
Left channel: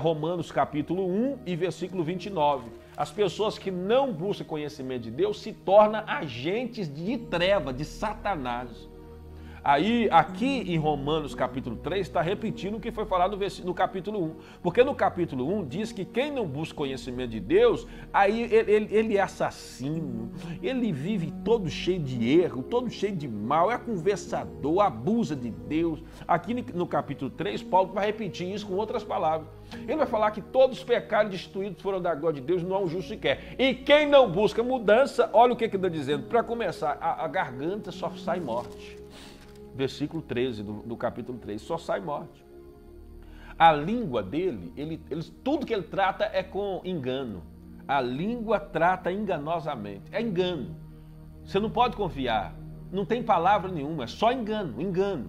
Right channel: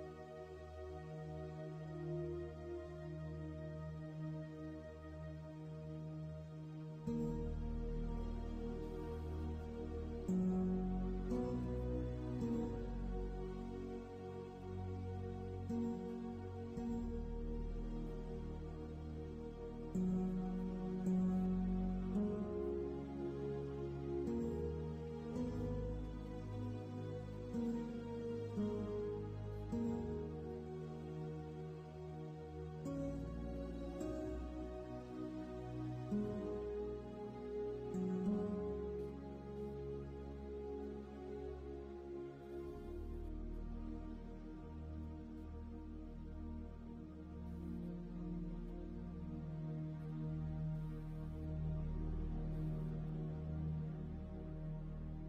Romanos capítulo 1 e versículo 29. As pessoas que não buscam conhecimento de Deus se tornam agentes de treva, de Satanás. Aí, aqui em Romanos capítulo 3, está repetindo o que foi falado no capítulo 1. Porque no capítulo 1 diz que quem não busca conhecimento de Deus, aí ele é assassino, ele vive todo cheio de erro, todo cheio de mal, é conversador, abusa de Deus. Aqui no capítulo 3, Paulo vai repetir isso com outras palavras. Ele vai falar que todos os pecados destituídos foram da glória de Deus, não há um justo sequer. E quem não busca mudança, olha o que ele está dizendo. Para começar, a garganta só sai morte. Versículo 13 do capítulo 3, só sai morte. A língua dele, tudo que ele trata é com engano. A língua trata enganosamente, é engano. Você não pode confiar, não tem palavra nenhuma, é só engano, engano.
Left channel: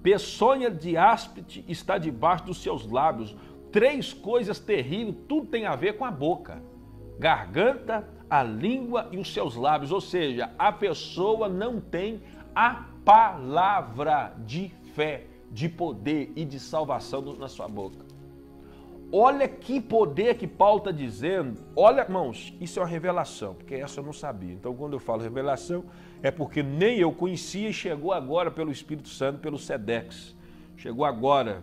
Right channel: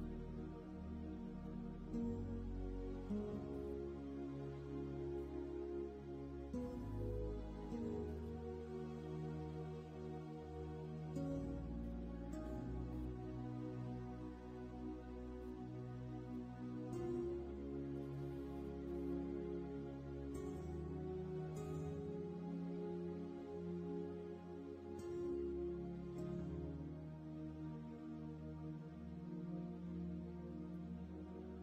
Peçonha de áspide está debaixo dos seus lábios. 3 coisas terríveis, tudo tem a ver com a boca. Garganta, a língua e os seus lábios. Ou seja, a pessoa não tem a palavra de fé, de poder e de salvação na sua boca. Olha que poder que Paulo está dizendo. Olha, irmãos, isso é uma revelação, porque essa eu não sabia. Então, quando eu falo revelação, é porque nem eu conhecia e chegou agora pelo Espírito Santo, pelo Sedex. Chegou agora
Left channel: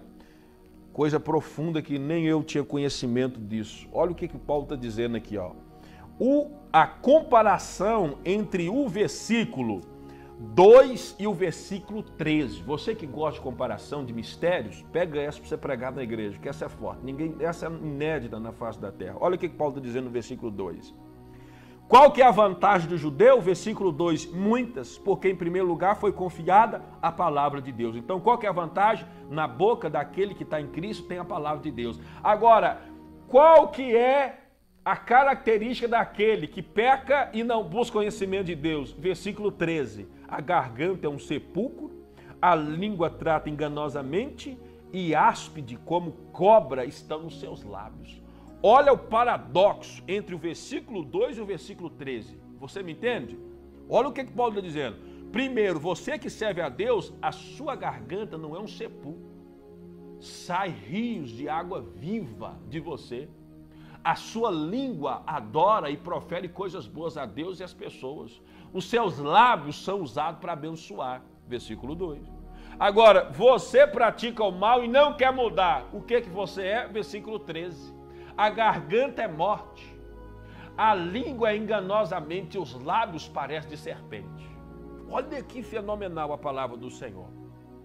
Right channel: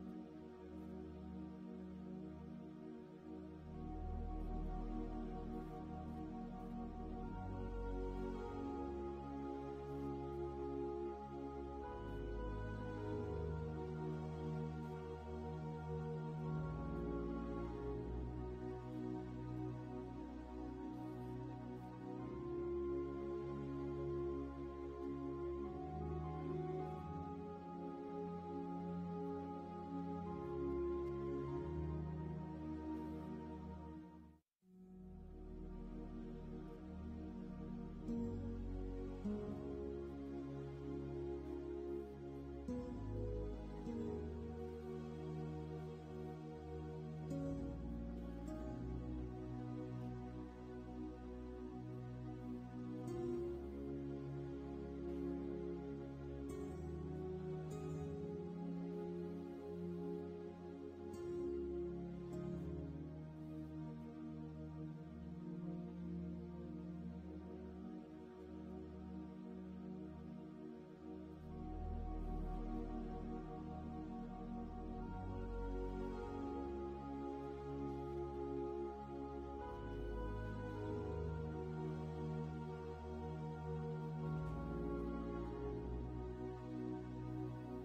coisa profunda que nem eu tinha conhecimento disso. Olha o que Paulo está dizendo aqui, ó. A comparação entre o versículo 2 e o versículo 13. Você que gosta de comparação de mistérios, pega essa para você pregar na igreja, que essa é forte. Essa é inédita na face da terra. Olha o que Paulo está dizendo no versículo 2. Qual que é a vantagem do judeu? Versículo 2, muitas, porque em primeiro lugar foi confiada a palavra de Deus. Então qual que é a vantagem? Na boca daquele que está em Cristo tem a palavra de Deus. Agora, qual que é a característica daquele que peca e não busca conhecimento de Deus? Versículo 13, a garganta é um sepulcro, a língua trata enganosamente e áspide como cobra estão nos seus lábios. Olha o paradoxo entre o versículo 2 e o versículo 13. Você me entende? Olha o que Paulo está dizendo. Primeiro, você que serve a Deus, a sua garganta não é um sepulcro. Sai rios de água viva de você. A sua língua adora e profere coisas boas a Deus e às pessoas. Os seus lábios são usados para abençoar. Versículo 2. Agora, você pratica o mal e não quer mudar. O que você é? Versículo 13. A garganta é morte, a língua é enganosamente, os lábios parecem de serpente. Olha que fenomenal a palavra do Senhor.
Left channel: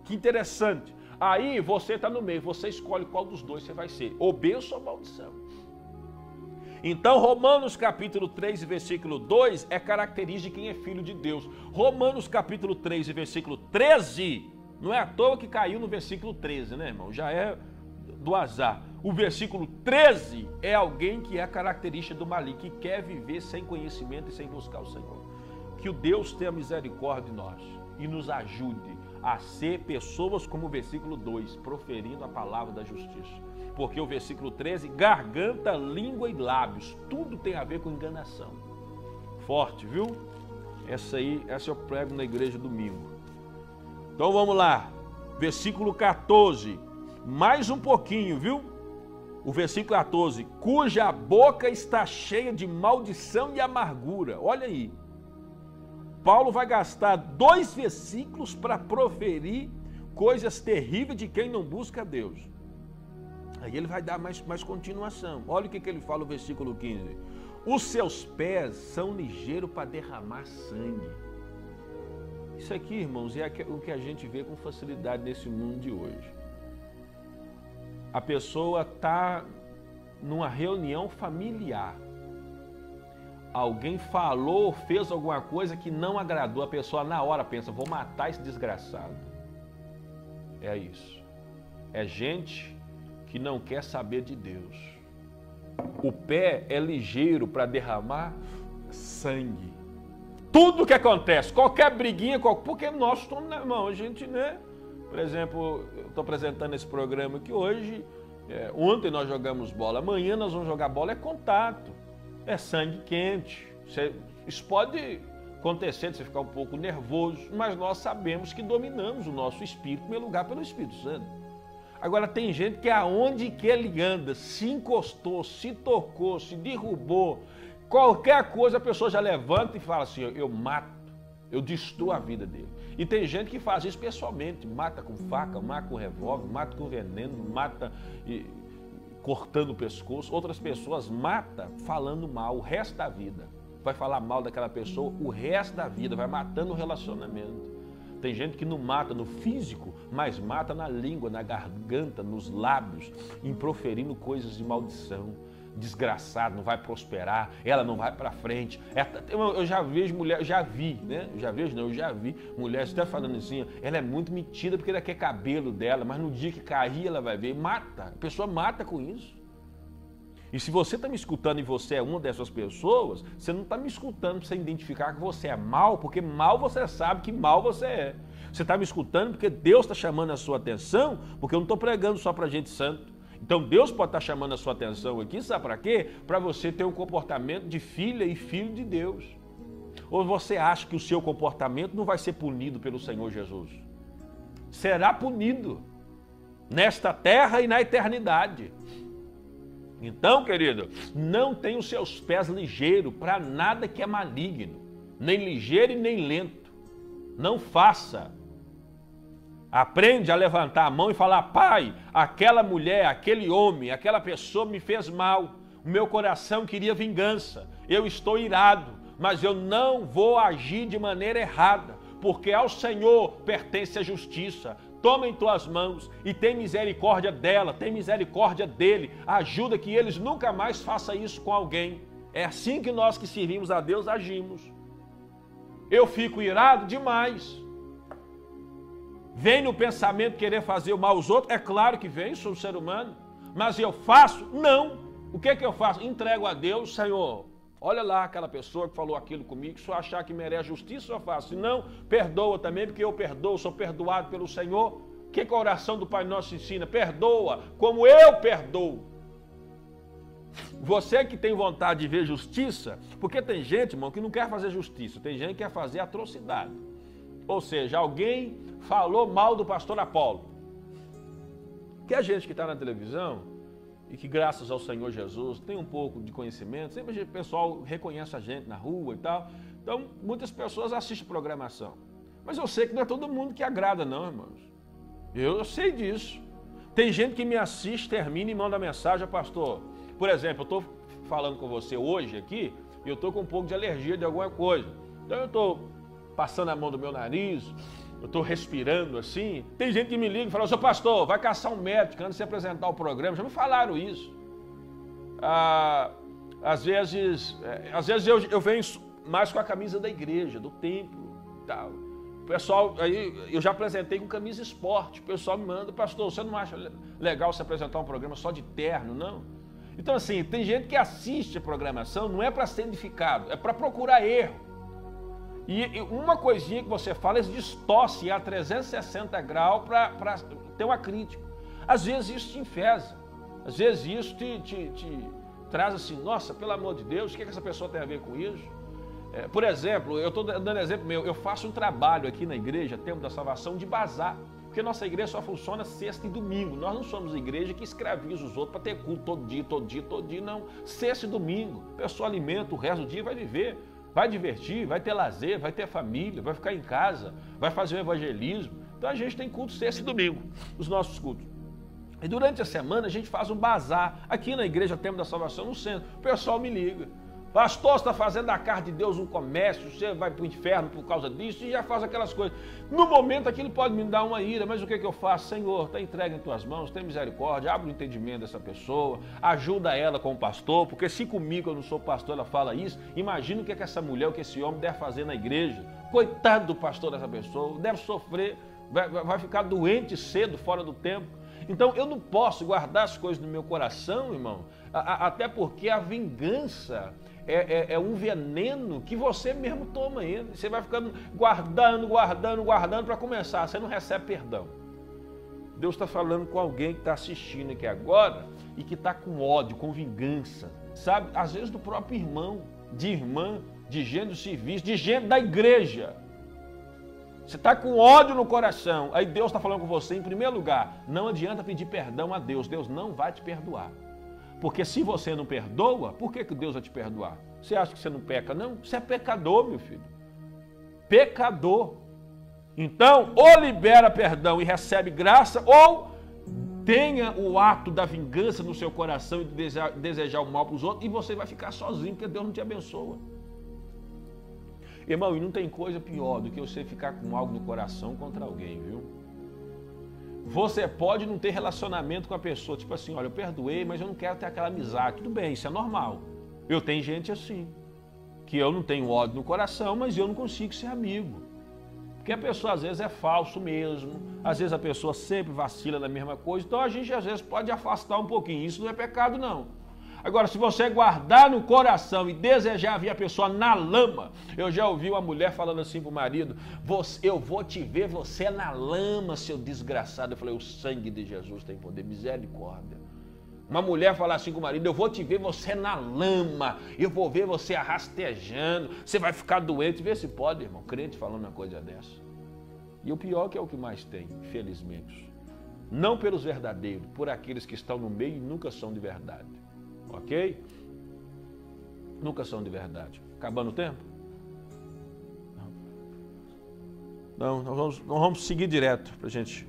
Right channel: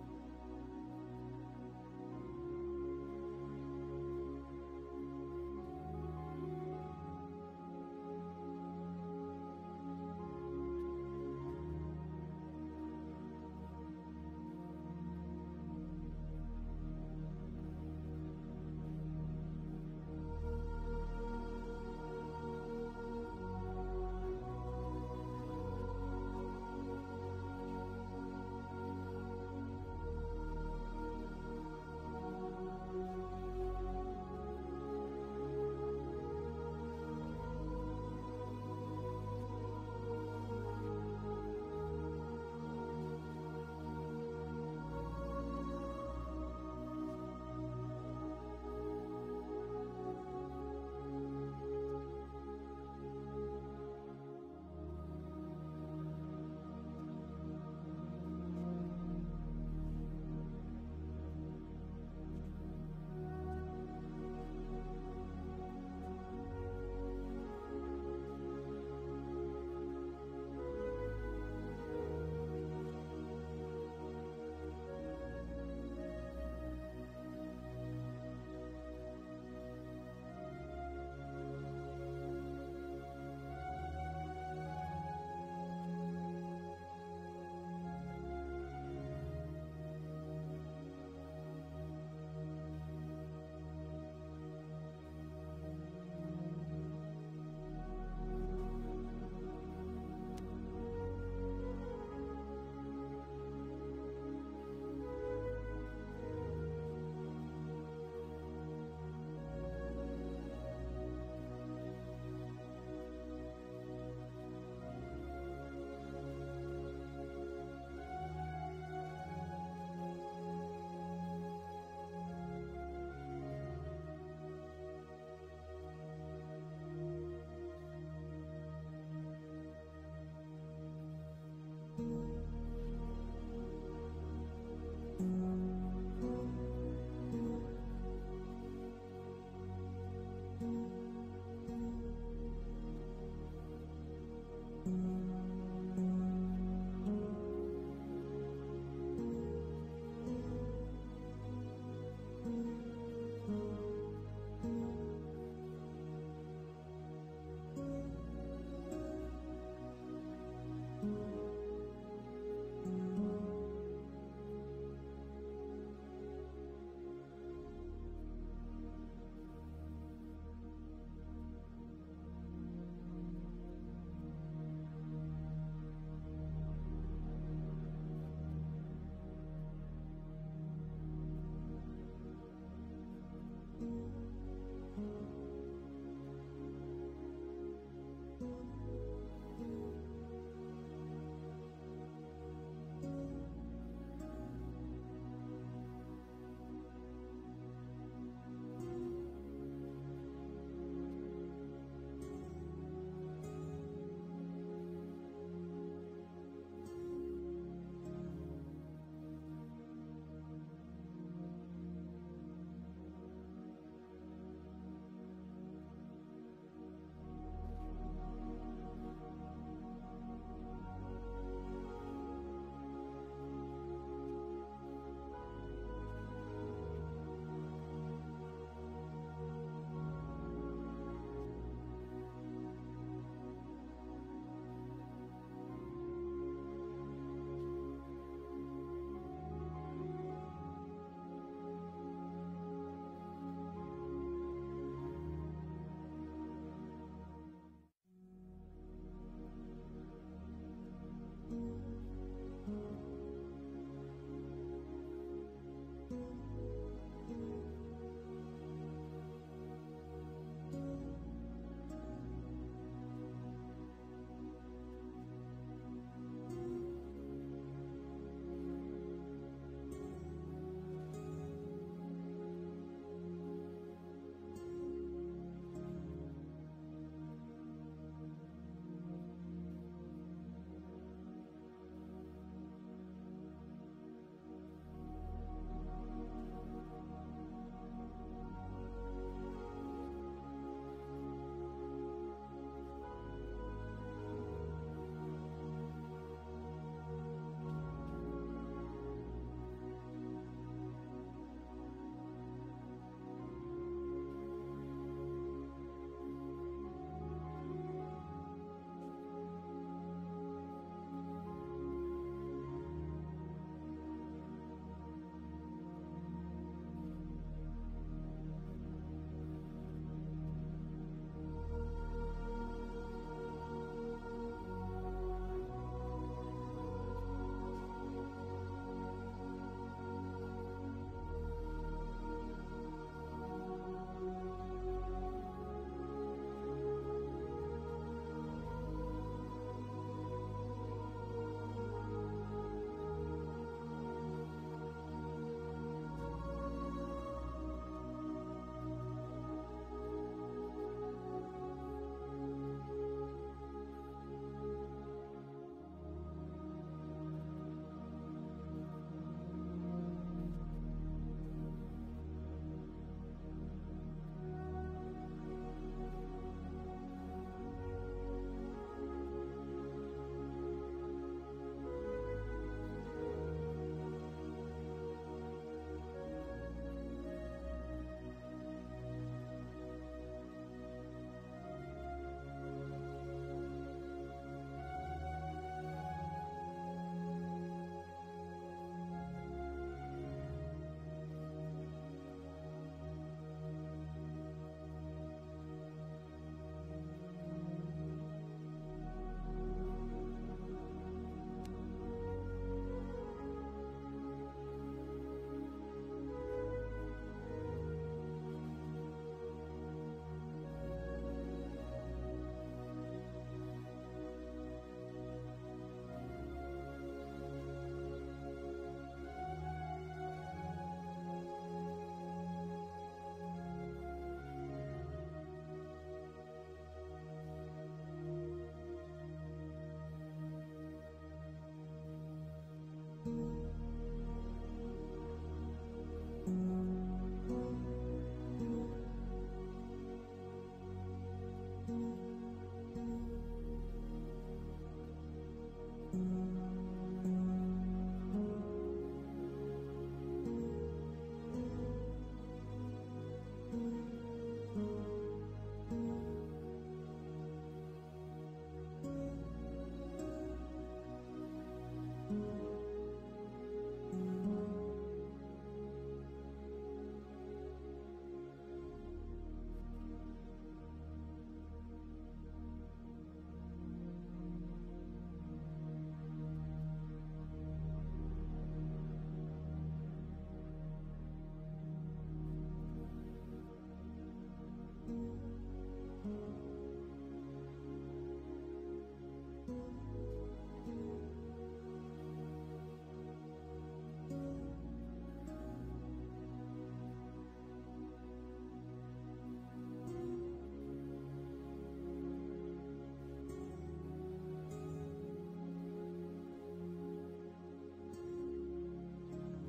Que interessante. Aí você está no meio, você escolhe qual dos dois você vai ser, ou bênção ou maldição. Então Romanos capítulo 3 e versículo 2 é característica de quem é filho de Deus. Romanos capítulo 3 e versículo 13, não é à toa que caiu no versículo 13, né, irmão? Já é do azar. O versículo 13 é alguém que é a característica do maligno, que quer viver sem conhecimento e sem buscar o Senhor. Que o Deus tenha misericórdia de nós e nos ajude a ser pessoas como o versículo 2, proferindo a palavra da justiça. Porque o versículo 13, garganta, língua e lábios, tudo tem a ver com enganação. Forte, viu? Essa eu prego na igreja domingo. Então vamos lá, versículo 14, mais um pouquinho, viu? O versículo 14, cuja boca está cheia de maldição e amargura. Olha aí, Paulo vai gastar 2 versículos para proferir coisas terríveis de quem não busca Deus. Aí ele vai dar mais continuação. Olha o que ele fala no versículo 15. Os seus pés são ligeiros para derramar sangue. Isso aqui, irmãos, é o que a gente vê com facilidade nesse mundo de hoje. A pessoa está numa reunião familiar. Alguém falou, fez alguma coisa que não agradou. A pessoa na hora pensa, vou matar esse desgraçado. É isso. É gente que não quer saber de Deus. O pé é ligeiro para derramar sangue. Tudo que acontece, qualquer briguinha, porque nós estamos na mão, a gente, né? Por exemplo, eu estou apresentando esse programa aqui hoje, ontem nós jogamos bola, amanhã nós vamos jogar bola, é contato, é sangue quente. Isso pode acontecer de você ficar um pouco nervoso, mas nós sabemos que dominamos o nosso espírito, em primeiro lugar, pelo Espírito Santo. Agora tem gente que aonde que ele anda, se encostou, se tocou, se derrubou, qualquer coisa a pessoa já levanta e fala assim, eu mato, eu destruo a vida dele. E tem gente que faz isso pessoalmente, mata com faca, mata com revólver, mata com veneno, mata cortando o pescoço. Outras pessoas matam falando mal o resto da vida. Vai falar mal daquela pessoa o resto da vida, vai matando o relacionamento. Tem gente que não mata no físico, mas mata na língua, na garganta, nos lábios, em proferindo coisas de maldição. Desgraçado, não vai prosperar, ela não vai para frente. Eu já vejo mulher, eu já vi mulheres até falando assim, ela é muito metida porque ela quer cabelo dela, mas no dia que cair ela vai ver, mata, a pessoa mata com isso. E se você está me escutando e você é uma dessas pessoas, você não está me escutando para você identificar que você é mal, porque mal você sabe que mal você é. Você está me escutando porque Deus está chamando a sua atenção, porque eu não estou pregando só para gente santo. Então Deus pode estar chamando a sua atenção aqui, sabe para quê? Para você ter um comportamento de filha e filho de Deus. Ou você acha que o seu comportamento não vai ser punido pelo Senhor Jesus? Será punido nesta terra e na eternidade. Então, querido, não tenha os seus pés ligeiros para nada que é maligno, nem ligeiro e nem lento. Não faça. Aprende a levantar a mão e falar: Pai, aquela mulher, aquele homem, aquela pessoa me fez mal. O meu coração queria vingança. Eu estou irado, mas eu não vou agir de maneira errada, porque ao Senhor pertence a justiça. Toma em tuas mãos e tem misericórdia dela, tem misericórdia dele. Ajuda que eles nunca mais façam isso com alguém. É assim que nós que servimos a Deus agimos. Eu fico irado demais. Vem no pensamento querer fazer o mal aos outros? É claro que vem, sou um ser humano. Mas eu faço? Não. O que eu faço? Entrego a Deus: Senhor, olha lá aquela pessoa que falou aquilo comigo, se eu achar que merece justiça, eu faço. Se não, perdoa também, porque eu perdoo, sou perdoado pelo Senhor. O que a oração do Pai Nosso ensina? Perdoa, como eu perdoo. Você que tem vontade de ver justiça, porque tem gente, irmão, que não quer fazer justiça, tem gente que quer fazer atrocidade. Ou seja, alguém falou mal do pastor Apolo. Que a gente que está na televisão, e que graças ao Senhor Jesus tem um pouco de conhecimento, sempre o pessoal reconhece a gente na rua e tal, então muitas pessoas assistem programação. Mas eu sei que não é todo mundo que agrada não, irmãos. Eu sei disso. Tem gente que me assiste, termina e manda mensagem: pastor, por exemplo, eu estou falando com você hoje aqui, e eu estou com um pouco de alergia de alguma coisa. Então eu estou passando a mão do meu nariz, eu estou respirando assim. Tem gente que me liga e fala: seu pastor, vai caçar um médico antes de se apresentar o programa. Já me falaram isso. Às vezes eu venho mais com a camisa da igreja, do templo e tal. O pessoal, aí eu já apresentei com camisa esporte. O pessoal me manda: pastor, você não acha legal se apresentar um programa só de terno, não? Então assim, tem gente que assiste a programação, não é para ser edificado, é para procurar erro. E uma coisinha que você fala, eles distorcem a 360 graus para ter uma crítica. Às vezes isso te enfesa, às vezes isso te traz assim: nossa, pelo amor de Deus, o que essa pessoa tem a ver com isso? Por exemplo, eu estou dando exemplo meu, eu faço um trabalho aqui na igreja, Templo da Salvação, de bazar, porque nossa igreja só funciona sexta e domingo. Nós não somos igreja que escraviza os outros para ter culto todo dia, não. Sexta e domingo, o pessoal alimenta, o resto do dia vai viver. Vai divertir, vai ter lazer, vai ter família, vai ficar em casa, vai fazer um evangelismo. Então a gente tem culto sexta e domingo, os nossos cultos. E durante a semana a gente faz um bazar aqui na igreja Templo da Salvação, no centro. O pessoal me liga: pastor, você está fazendo da casa de Deus um comércio, você vai para o inferno por causa disso, e já faz aquelas coisas. No momento aquilo pode me dar uma ira, mas o que eu faço? Senhor, está entregue em tuas mãos, tem misericórdia, abre o entendimento dessa pessoa, ajuda ela com o pastor, porque se comigo eu não sou pastor, ela fala isso, imagina o que essa mulher, o que esse homem deve fazer na igreja. Coitado do pastor dessa pessoa, deve sofrer, vai ficar doente cedo, fora do tempo. Então eu não posso guardar as coisas no meu coração, irmão, até porque a vingança é um veneno que você mesmo toma ainda. Você vai ficando guardando para começar, você não recebe perdão. Deus está falando com alguém que está assistindo aqui agora e que está com ódio, com vingança, sabe? Às vezes do próprio irmão, de irmã, de gente do serviço, de gente da igreja. Você está com ódio no coração, aí Deus está falando com você, em primeiro lugar, não adianta pedir perdão a Deus, Deus não vai te perdoar. Porque se você não perdoa, por que Deus vai te perdoar? Você acha que você não peca? Não, você é pecador, meu filho. Pecador. Então, ou libera perdão e recebe graça, ou tenha o ato da vingança no seu coração e desejar o mal para os outros, e você vai ficar sozinho, porque Deus não te abençoa. Irmão, e não tem coisa pior do que você ficar com algo no coração contra alguém, viu? Você pode não ter relacionamento com a pessoa, tipo assim: olha, eu perdoei, mas eu não quero ter aquela amizade. Tudo bem, isso é normal. Eu tenho gente assim, que eu não tenho ódio no coração, mas eu não consigo ser amigo. Porque a pessoa às vezes é falso mesmo, às vezes a pessoa sempre vacila na mesma coisa, então a gente às vezes pode afastar um pouquinho. Isso não é pecado, não. Agora, se você guardar no coração e desejar ver a pessoa na lama, eu já ouvi uma mulher falando assim para o marido: eu vou te ver você na lama, seu desgraçado. Eu falei: o sangue de Jesus tem poder, misericórdia. Uma mulher falar assim com o marido: eu vou te ver você na lama, eu vou ver você arrastejando, você vai ficar doente. Vê se pode, irmão, crente falando uma coisa dessa. E o pior que é o que mais tem, infelizmente. Não pelos verdadeiros, por aqueles que estão no meio e nunca são de verdade. Ok? Nunca são de verdade. Acabando o tempo? Não, nós vamos seguir direto para a gente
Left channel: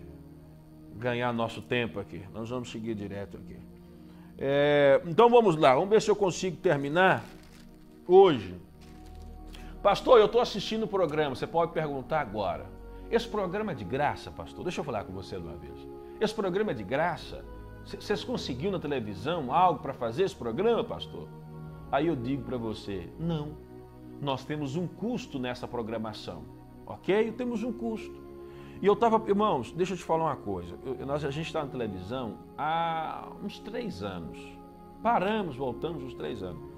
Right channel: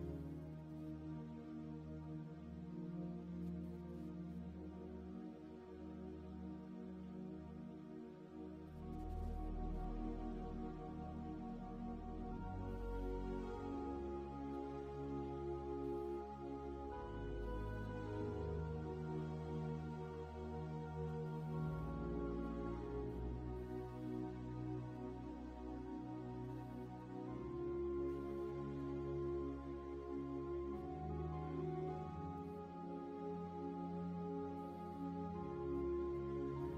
ganhar nosso tempo aqui. Nós vamos seguir direto aqui. Então vamos lá, vamos ver se eu consigo terminar hoje. Pastor, eu estou assistindo o programa, você pode perguntar agora. Esse programa é de graça, pastor? Deixa eu falar com você uma vez. Esse programa é de graça? Vocês conseguiram na televisão algo para fazer esse programa, pastor? Aí eu digo para você, não. Nós temos um custo nessa programação, ok? Temos um custo. E eu estava, irmãos, deixa eu te falar uma coisa. A gente está na televisão há uns 3 anos. Paramos, voltamos uns 3 anos.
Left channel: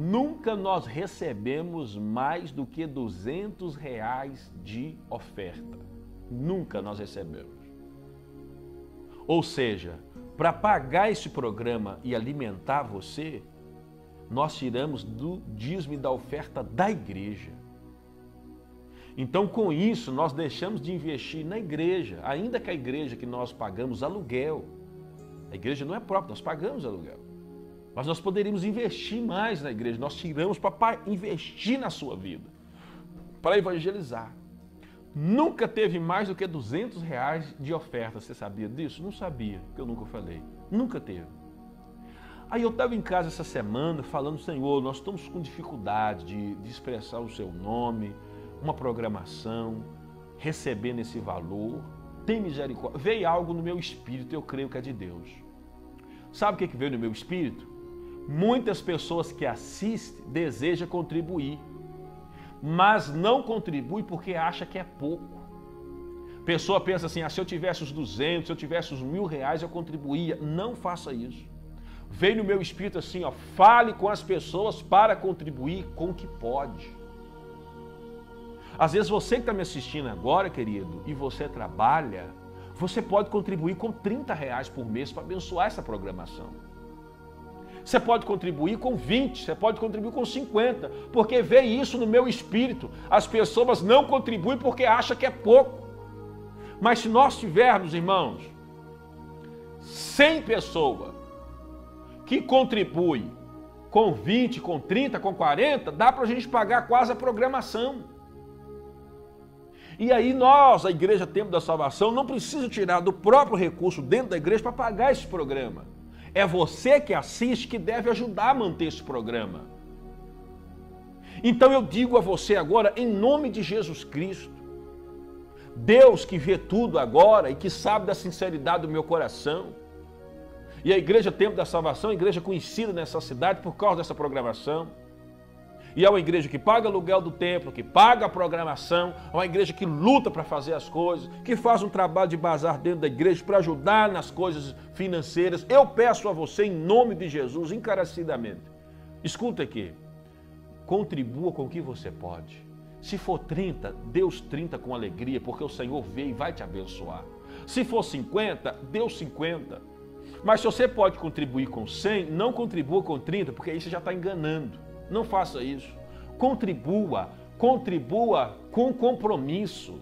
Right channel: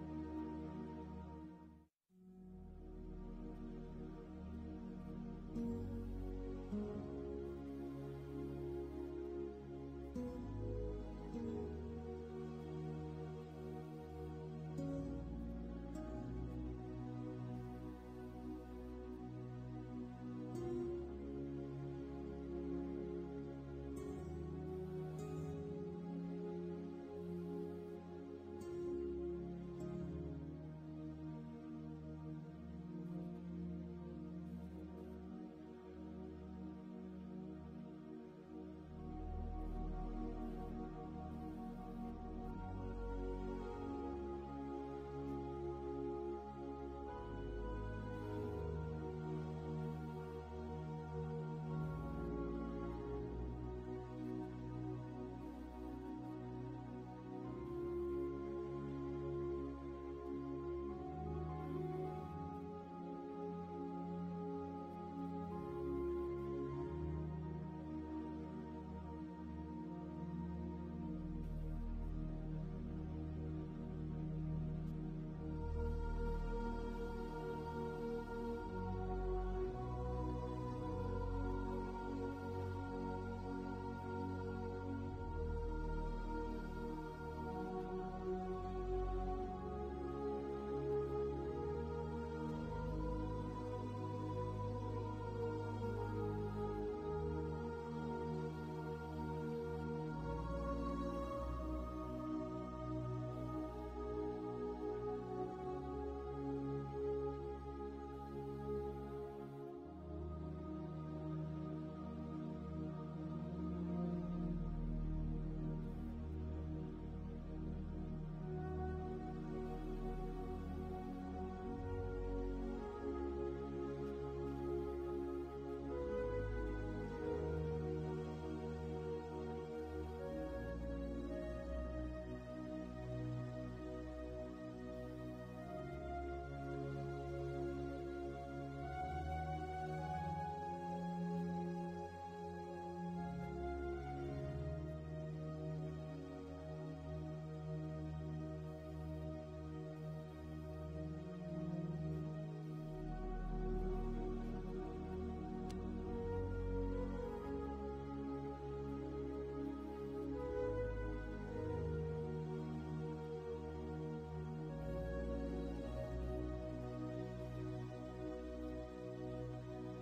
Nunca nós recebemos mais do que R$200 de oferta. Nunca nós recebemos. Ou seja, para pagar esse programa e alimentar você, nós tiramos do dízimo e da oferta da igreja. Então, com isso, nós deixamos de investir na igreja, ainda que a igreja que nós pagamos aluguel. A igreja não é própria, nós pagamos aluguel. Mas nós poderíamos investir mais na igreja, nós tiramos para investir na sua vida, para evangelizar. Nunca teve mais do que R$200 de oferta, você sabia disso? Não sabia, porque eu nunca falei. Nunca teve. Aí eu estava em casa essa semana falando, Senhor, nós estamos com dificuldade de expressar o seu nome, uma programação, recebendo esse valor, tem misericórdia. Veio algo no meu espírito, eu creio que é de Deus. Sabe o que veio no meu espírito? Muitas pessoas que assistem desejam contribuir, mas não contribui porque acha que é pouco. Pessoa pensa assim, se eu tivesse os 200, se eu tivesse os R$1.000, eu contribuía. Não faça isso. Veio no meu espírito assim, fale com as pessoas para contribuir com o que pode. Às vezes você que está me assistindo agora, querido, e você trabalha, você pode contribuir com R$30 por mês para abençoar essa programação. Você pode contribuir com 20, você pode contribuir com 50, porque veio isso no meu espírito. As pessoas não contribuem porque acham que é pouco. Mas se nós tivermos, irmãos, 100 pessoas que contribuem com 20, com 30, com 40, dá para a gente pagar quase a programação. E aí nós, a Igreja Templo da Salvação, não precisa tirar do próprio recurso dentro da igreja para pagar esse programa. É você que assiste que deve ajudar a manter esse programa. Então eu digo a você agora, em nome de Jesus Cristo, Deus que vê tudo agora e que sabe da sinceridade do meu coração, e a Igreja Templo da Salvação, a igreja conhecida nessa cidade por causa dessa programação, e é uma igreja que paga aluguel do templo, que paga a programação, é uma igreja que luta para fazer as coisas, que faz um trabalho de bazar dentro da igreja para ajudar nas coisas financeiras. Eu peço a você, em nome de Jesus, encarecidamente, escuta aqui, contribua com o que você pode. Se for 30, dê os 30 com alegria, porque o Senhor veio e vai te abençoar. Se for 50, dê os 50. Mas se você pode contribuir com 100, não contribua com 30, porque aí você já está enganando. Não faça isso. Contribua com compromisso.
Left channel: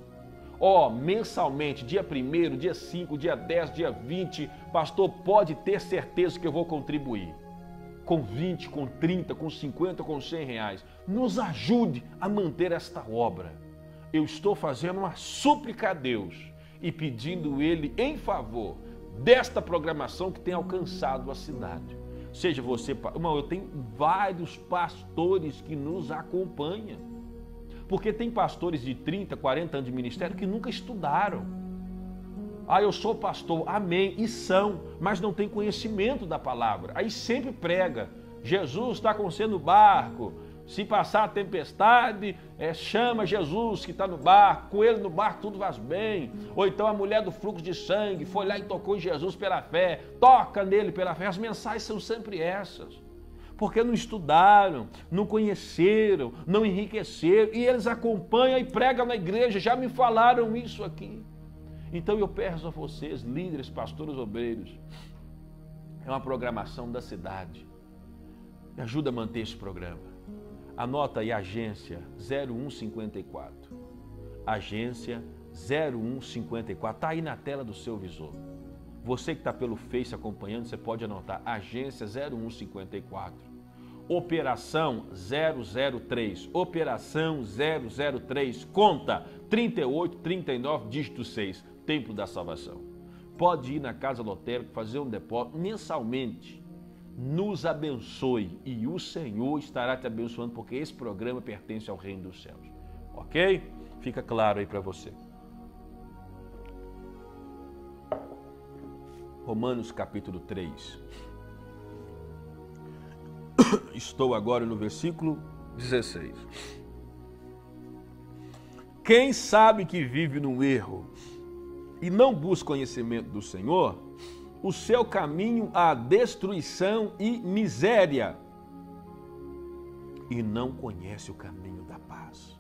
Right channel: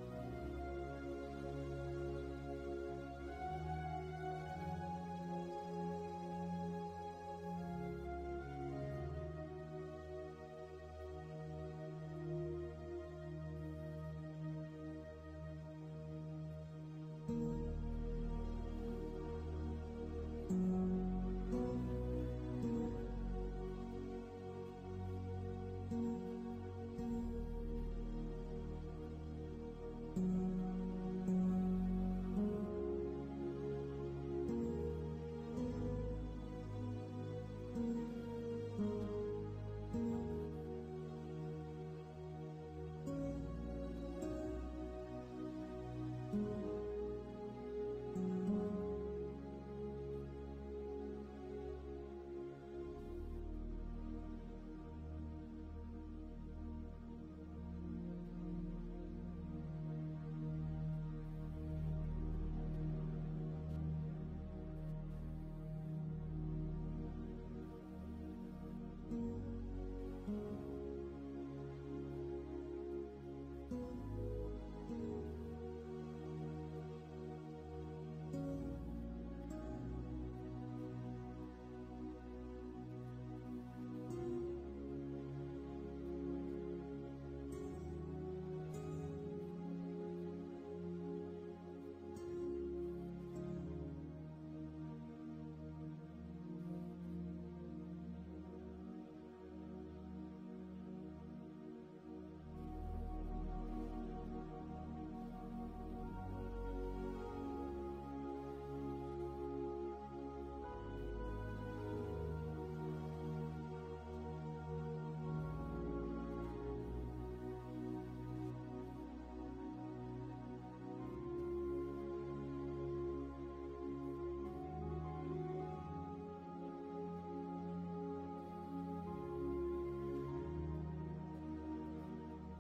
Mensalmente, dia 1º, dia 5, dia 10, dia 20, pastor, pode ter certeza que eu vou contribuir. Com 20, com 30, com 50, com R$100. Nos ajude a manter esta obra. Eu estou fazendo uma súplica a Deus e pedindo Ele em favor desta programação que tem alcançado a cidade. Seja você, irmão, eu tenho vários pastores que nos acompanham. Porque tem pastores de 30, 40 anos de ministério que nunca estudaram. Eu sou pastor, amém, e são, mas não tem conhecimento da palavra. Aí sempre prega, Jesus está com você no barco, se passar a tempestade, chama Jesus que está no barco, com ele no barco tudo vai bem. Ou então a mulher do fluxo de sangue foi lá e tocou em Jesus pela fé, toca nele pela fé. As mensagens são sempre essas, porque não estudaram, não conheceram, não enriqueceram, e eles acompanham e pregam na igreja, já me falaram isso aqui. Então eu peço a vocês, líderes, pastores, obreiros, é uma programação da cidade, me ajuda a manter esse programa. Anota aí, agência 0154, agência 0154, está aí na tela do seu visor. Você que está pelo Face acompanhando, você pode anotar, agência 0154, operação 003, operação 003, conta 38, 39, dígito 6, Templo da Salvação. Pode ir na Casa Lotérica, fazer um depósito mensalmente. Nos abençoe e o Senhor estará te abençoando, porque esse programa pertence ao Reino dos Céus. Ok? Fica claro aí para você. Romanos capítulo 3. Estou agora no versículo 16. Quem sabe que vive no erro e não busca conhecimento do Senhor, o seu caminho há destruição e miséria, e não conhece o caminho da paz.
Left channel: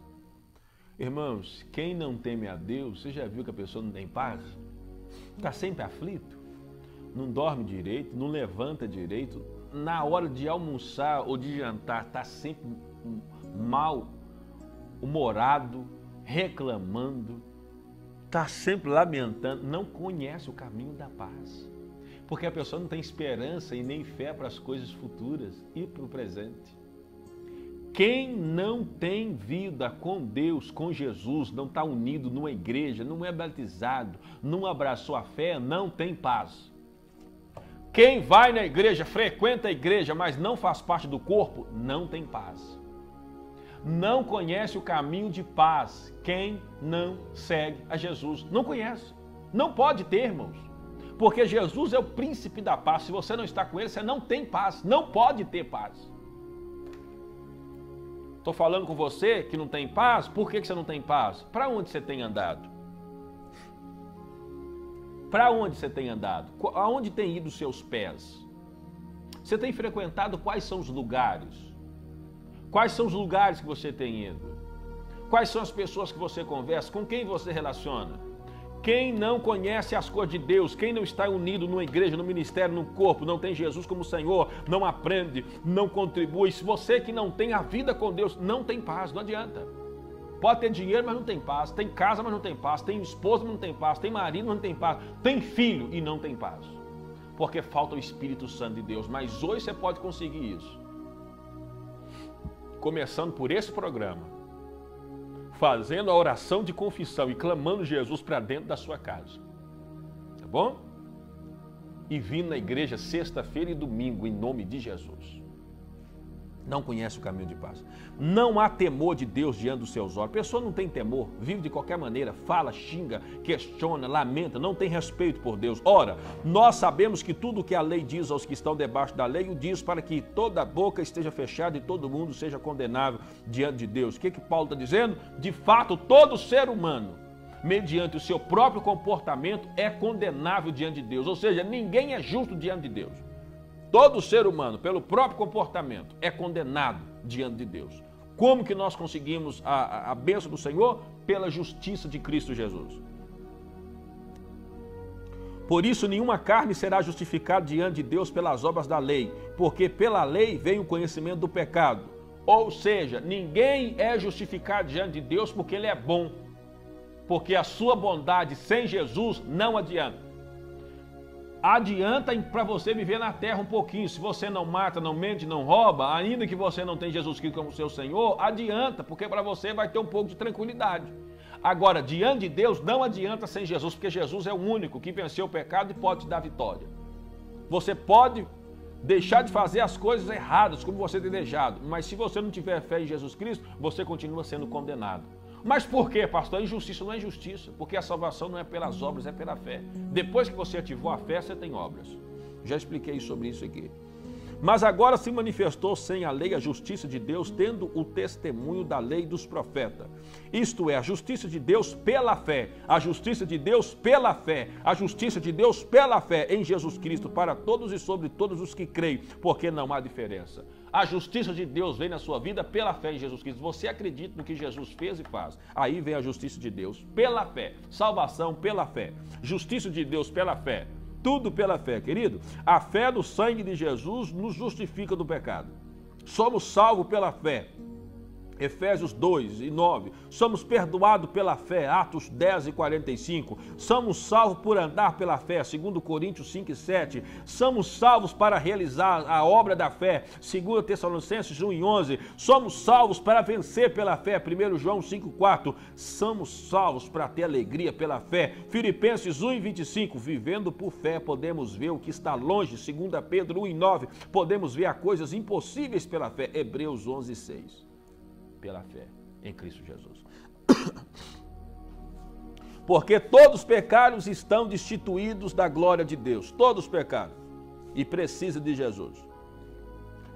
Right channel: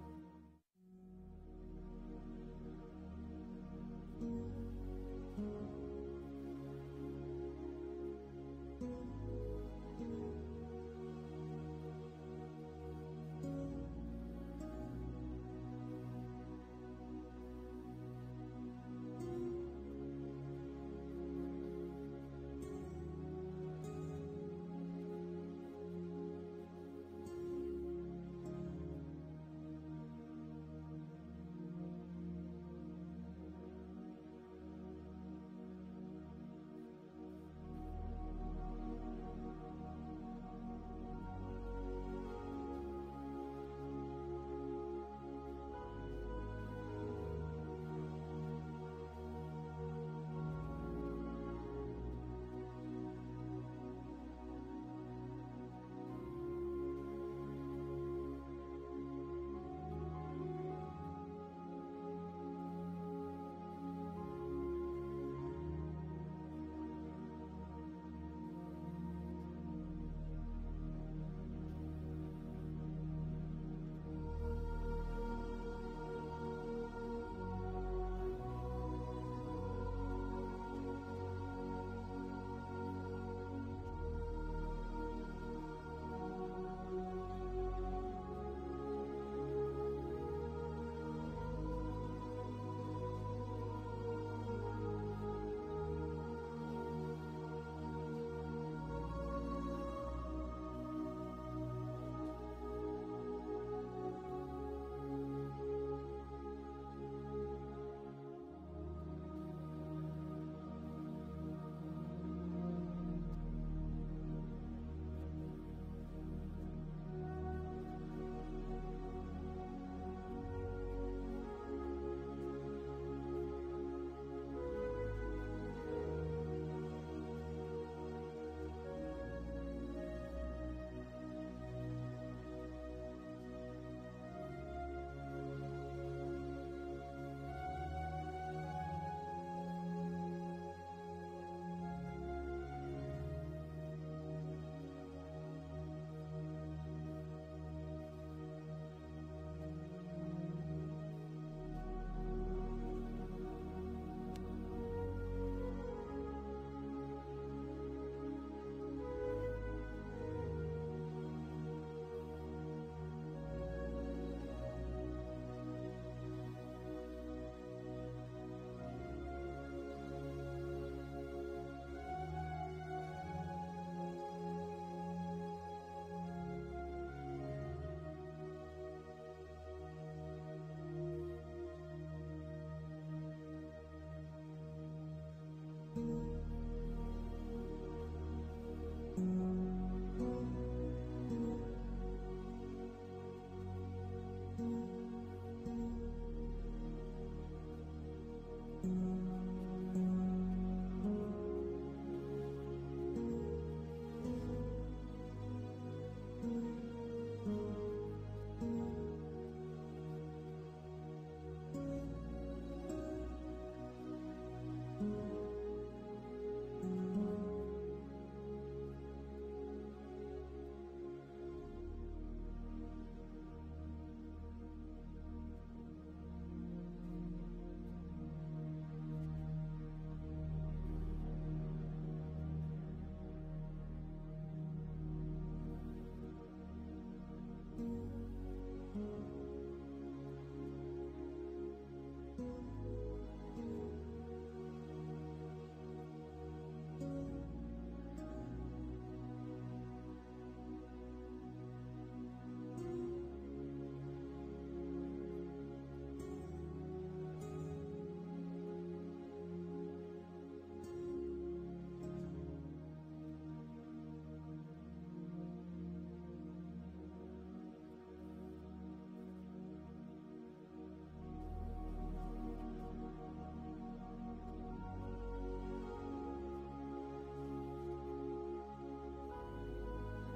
Irmãos, quem não teme a Deus, você já viu que a pessoa não tem paz? Está sempre aflito, não dorme direito, não levanta direito, na hora de almoçar ou de jantar está sempre mal-humorado, reclamando, está sempre lamentando, não conhece o caminho da paz. Porque a pessoa não tem esperança e nem fé para as coisas futuras e para o presente. Quem não tem vida com Deus, com Jesus, não está unido numa igreja, não é batizado, não abraçou a fé, não tem paz. Quem vai na igreja, frequenta a igreja, mas não faz parte do corpo, não tem paz. Não conhece o caminho de paz. Quem não segue a Jesus não conhece. Não pode ter, irmãos. Porque Jesus é o príncipe da paz. Se você não está com ele, você não tem paz. Não pode ter paz. Estou falando com você que não tem paz. Por que você não tem paz? Para onde você tem andado? Para onde você tem andado? Aonde tem ido os seus pés? Você tem frequentado quais são os lugares? Quais são os lugares que você tem ido? Quais são as pessoas que você conversa? Com quem você relaciona? Quem não conhece as coisas de Deus, quem não está unido numa igreja, no ministério, no corpo, não tem Jesus como Senhor, não aprende, não contribui. Se você que não tem a vida com Deus, não tem paz, não adianta. Pode ter dinheiro, mas não tem paz. Tem casa, mas não tem paz. Tem esposa, mas não tem paz. Tem marido, mas não tem paz. Tem filho e não tem paz. Porque falta o Espírito Santo de Deus. Mas hoje você pode conseguir isso. Começando por esse programa, fazendo a oração de confissão e clamando Jesus para dentro da sua casa, tá bom? E vindo na igreja sexta-feira e domingo em nome de Jesus. Não conhece o caminho de paz. Não há temor de Deus diante dos seus olhos. A pessoa não tem temor, vive de qualquer maneira, fala, xinga, questiona, lamenta, não tem respeito por Deus. Ora, nós sabemos que tudo o que a lei diz aos que estão debaixo da lei, o diz para que toda boca esteja fechada e todo mundo seja condenável diante de Deus. O que Paulo está dizendo? De fato, todo ser humano, mediante o seu próprio comportamento, é condenável diante de Deus. Ou seja, ninguém é justo diante de Deus. Todo ser humano, pelo próprio comportamento, é condenado diante de Deus. Como que nós conseguimos a bênção do Senhor? Pela justiça de Cristo Jesus. Por isso, nenhuma carne será justificada diante de Deus pelas obras da lei, porque pela lei vem o conhecimento do pecado. Ou seja, ninguém é justificado diante de Deus porque ele é bom, porque a sua bondade sem Jesus não adianta. Adianta para você viver na terra um pouquinho. Se você não mata, não mente, não rouba, ainda que você não tenha Jesus Cristo como seu Senhor, adianta, porque para você vai ter um pouco de tranquilidade. Agora, diante de Deus, não adianta sem Jesus, porque Jesus é o único que venceu o pecado e pode te dar vitória. Você pode deixar de fazer as coisas erradas, como você tem deixado, mas se você não tiver fé em Jesus Cristo, você continua sendo condenado. Mas por quê, pastor? A injustiça não é injustiça, porque a salvação não é pelas obras, é pela fé. Depois que você ativou a fé, você tem obras. Já expliquei sobre isso aqui. Mas agora se manifestou sem a lei a justiça de Deus, tendo o testemunho da lei dos profetas. Isto é, a justiça de Deus pela fé, a justiça de Deus pela fé, a justiça de Deus pela fé em Jesus Cristo, para todos e sobre todos os que creem, porque não há diferença. A justiça de Deus vem na sua vida pela fé em Jesus Cristo. Você acredita no que Jesus fez e faz. Aí vem a justiça de Deus pela fé. Salvação pela fé. Justiça de Deus pela fé. Tudo pela fé, querido. A fé do sangue de Jesus nos justifica do pecado. Somos salvos pela fé. Efésios 2 e 9, somos perdoados pela fé, Atos 10 e 45, somos salvos por andar pela fé, 2 Coríntios 5 e 7, somos salvos para realizar a obra da fé, 2 Tessalonicenses 1 e 11, somos salvos para vencer pela fé, 1 João 5 e 4, somos salvos para ter alegria pela fé, Filipenses 1 e 25, vivendo por fé podemos ver o que está longe, 2 Pedro 1 e 9, podemos ver as coisas impossíveis pela fé, Hebreus 11 e 6. Pela fé em Cristo Jesus. Porque todos os pecados estão destituídos da glória de Deus, todos os pecados, e precisa de Jesus.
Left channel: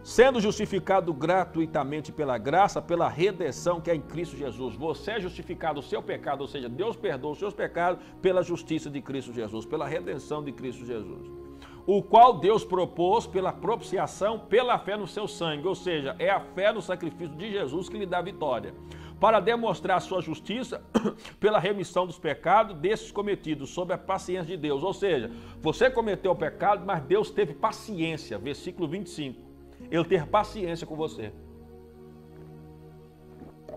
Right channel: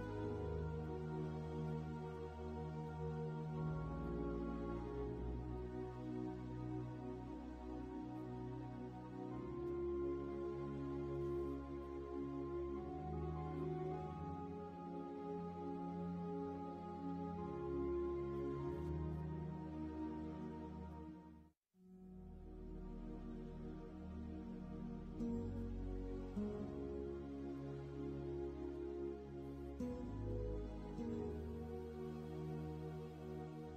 Sendo justificado gratuitamente pela graça, pela redenção que é em Cristo Jesus. Você é justificado o seu pecado, ou seja, Deus perdoa os seus pecados pela justiça de Cristo Jesus, pela redenção de Cristo Jesus. O qual Deus propôs pela propiciação, pela fé no seu sangue, ou seja, é a fé no sacrifício de Jesus que lhe dá vitória, para demonstrar a sua justiça pela remissão dos pecados desses cometidos, sob a paciência de Deus, ou seja, você cometeu o pecado, mas Deus teve paciência, versículo 25, Ele teve paciência com você.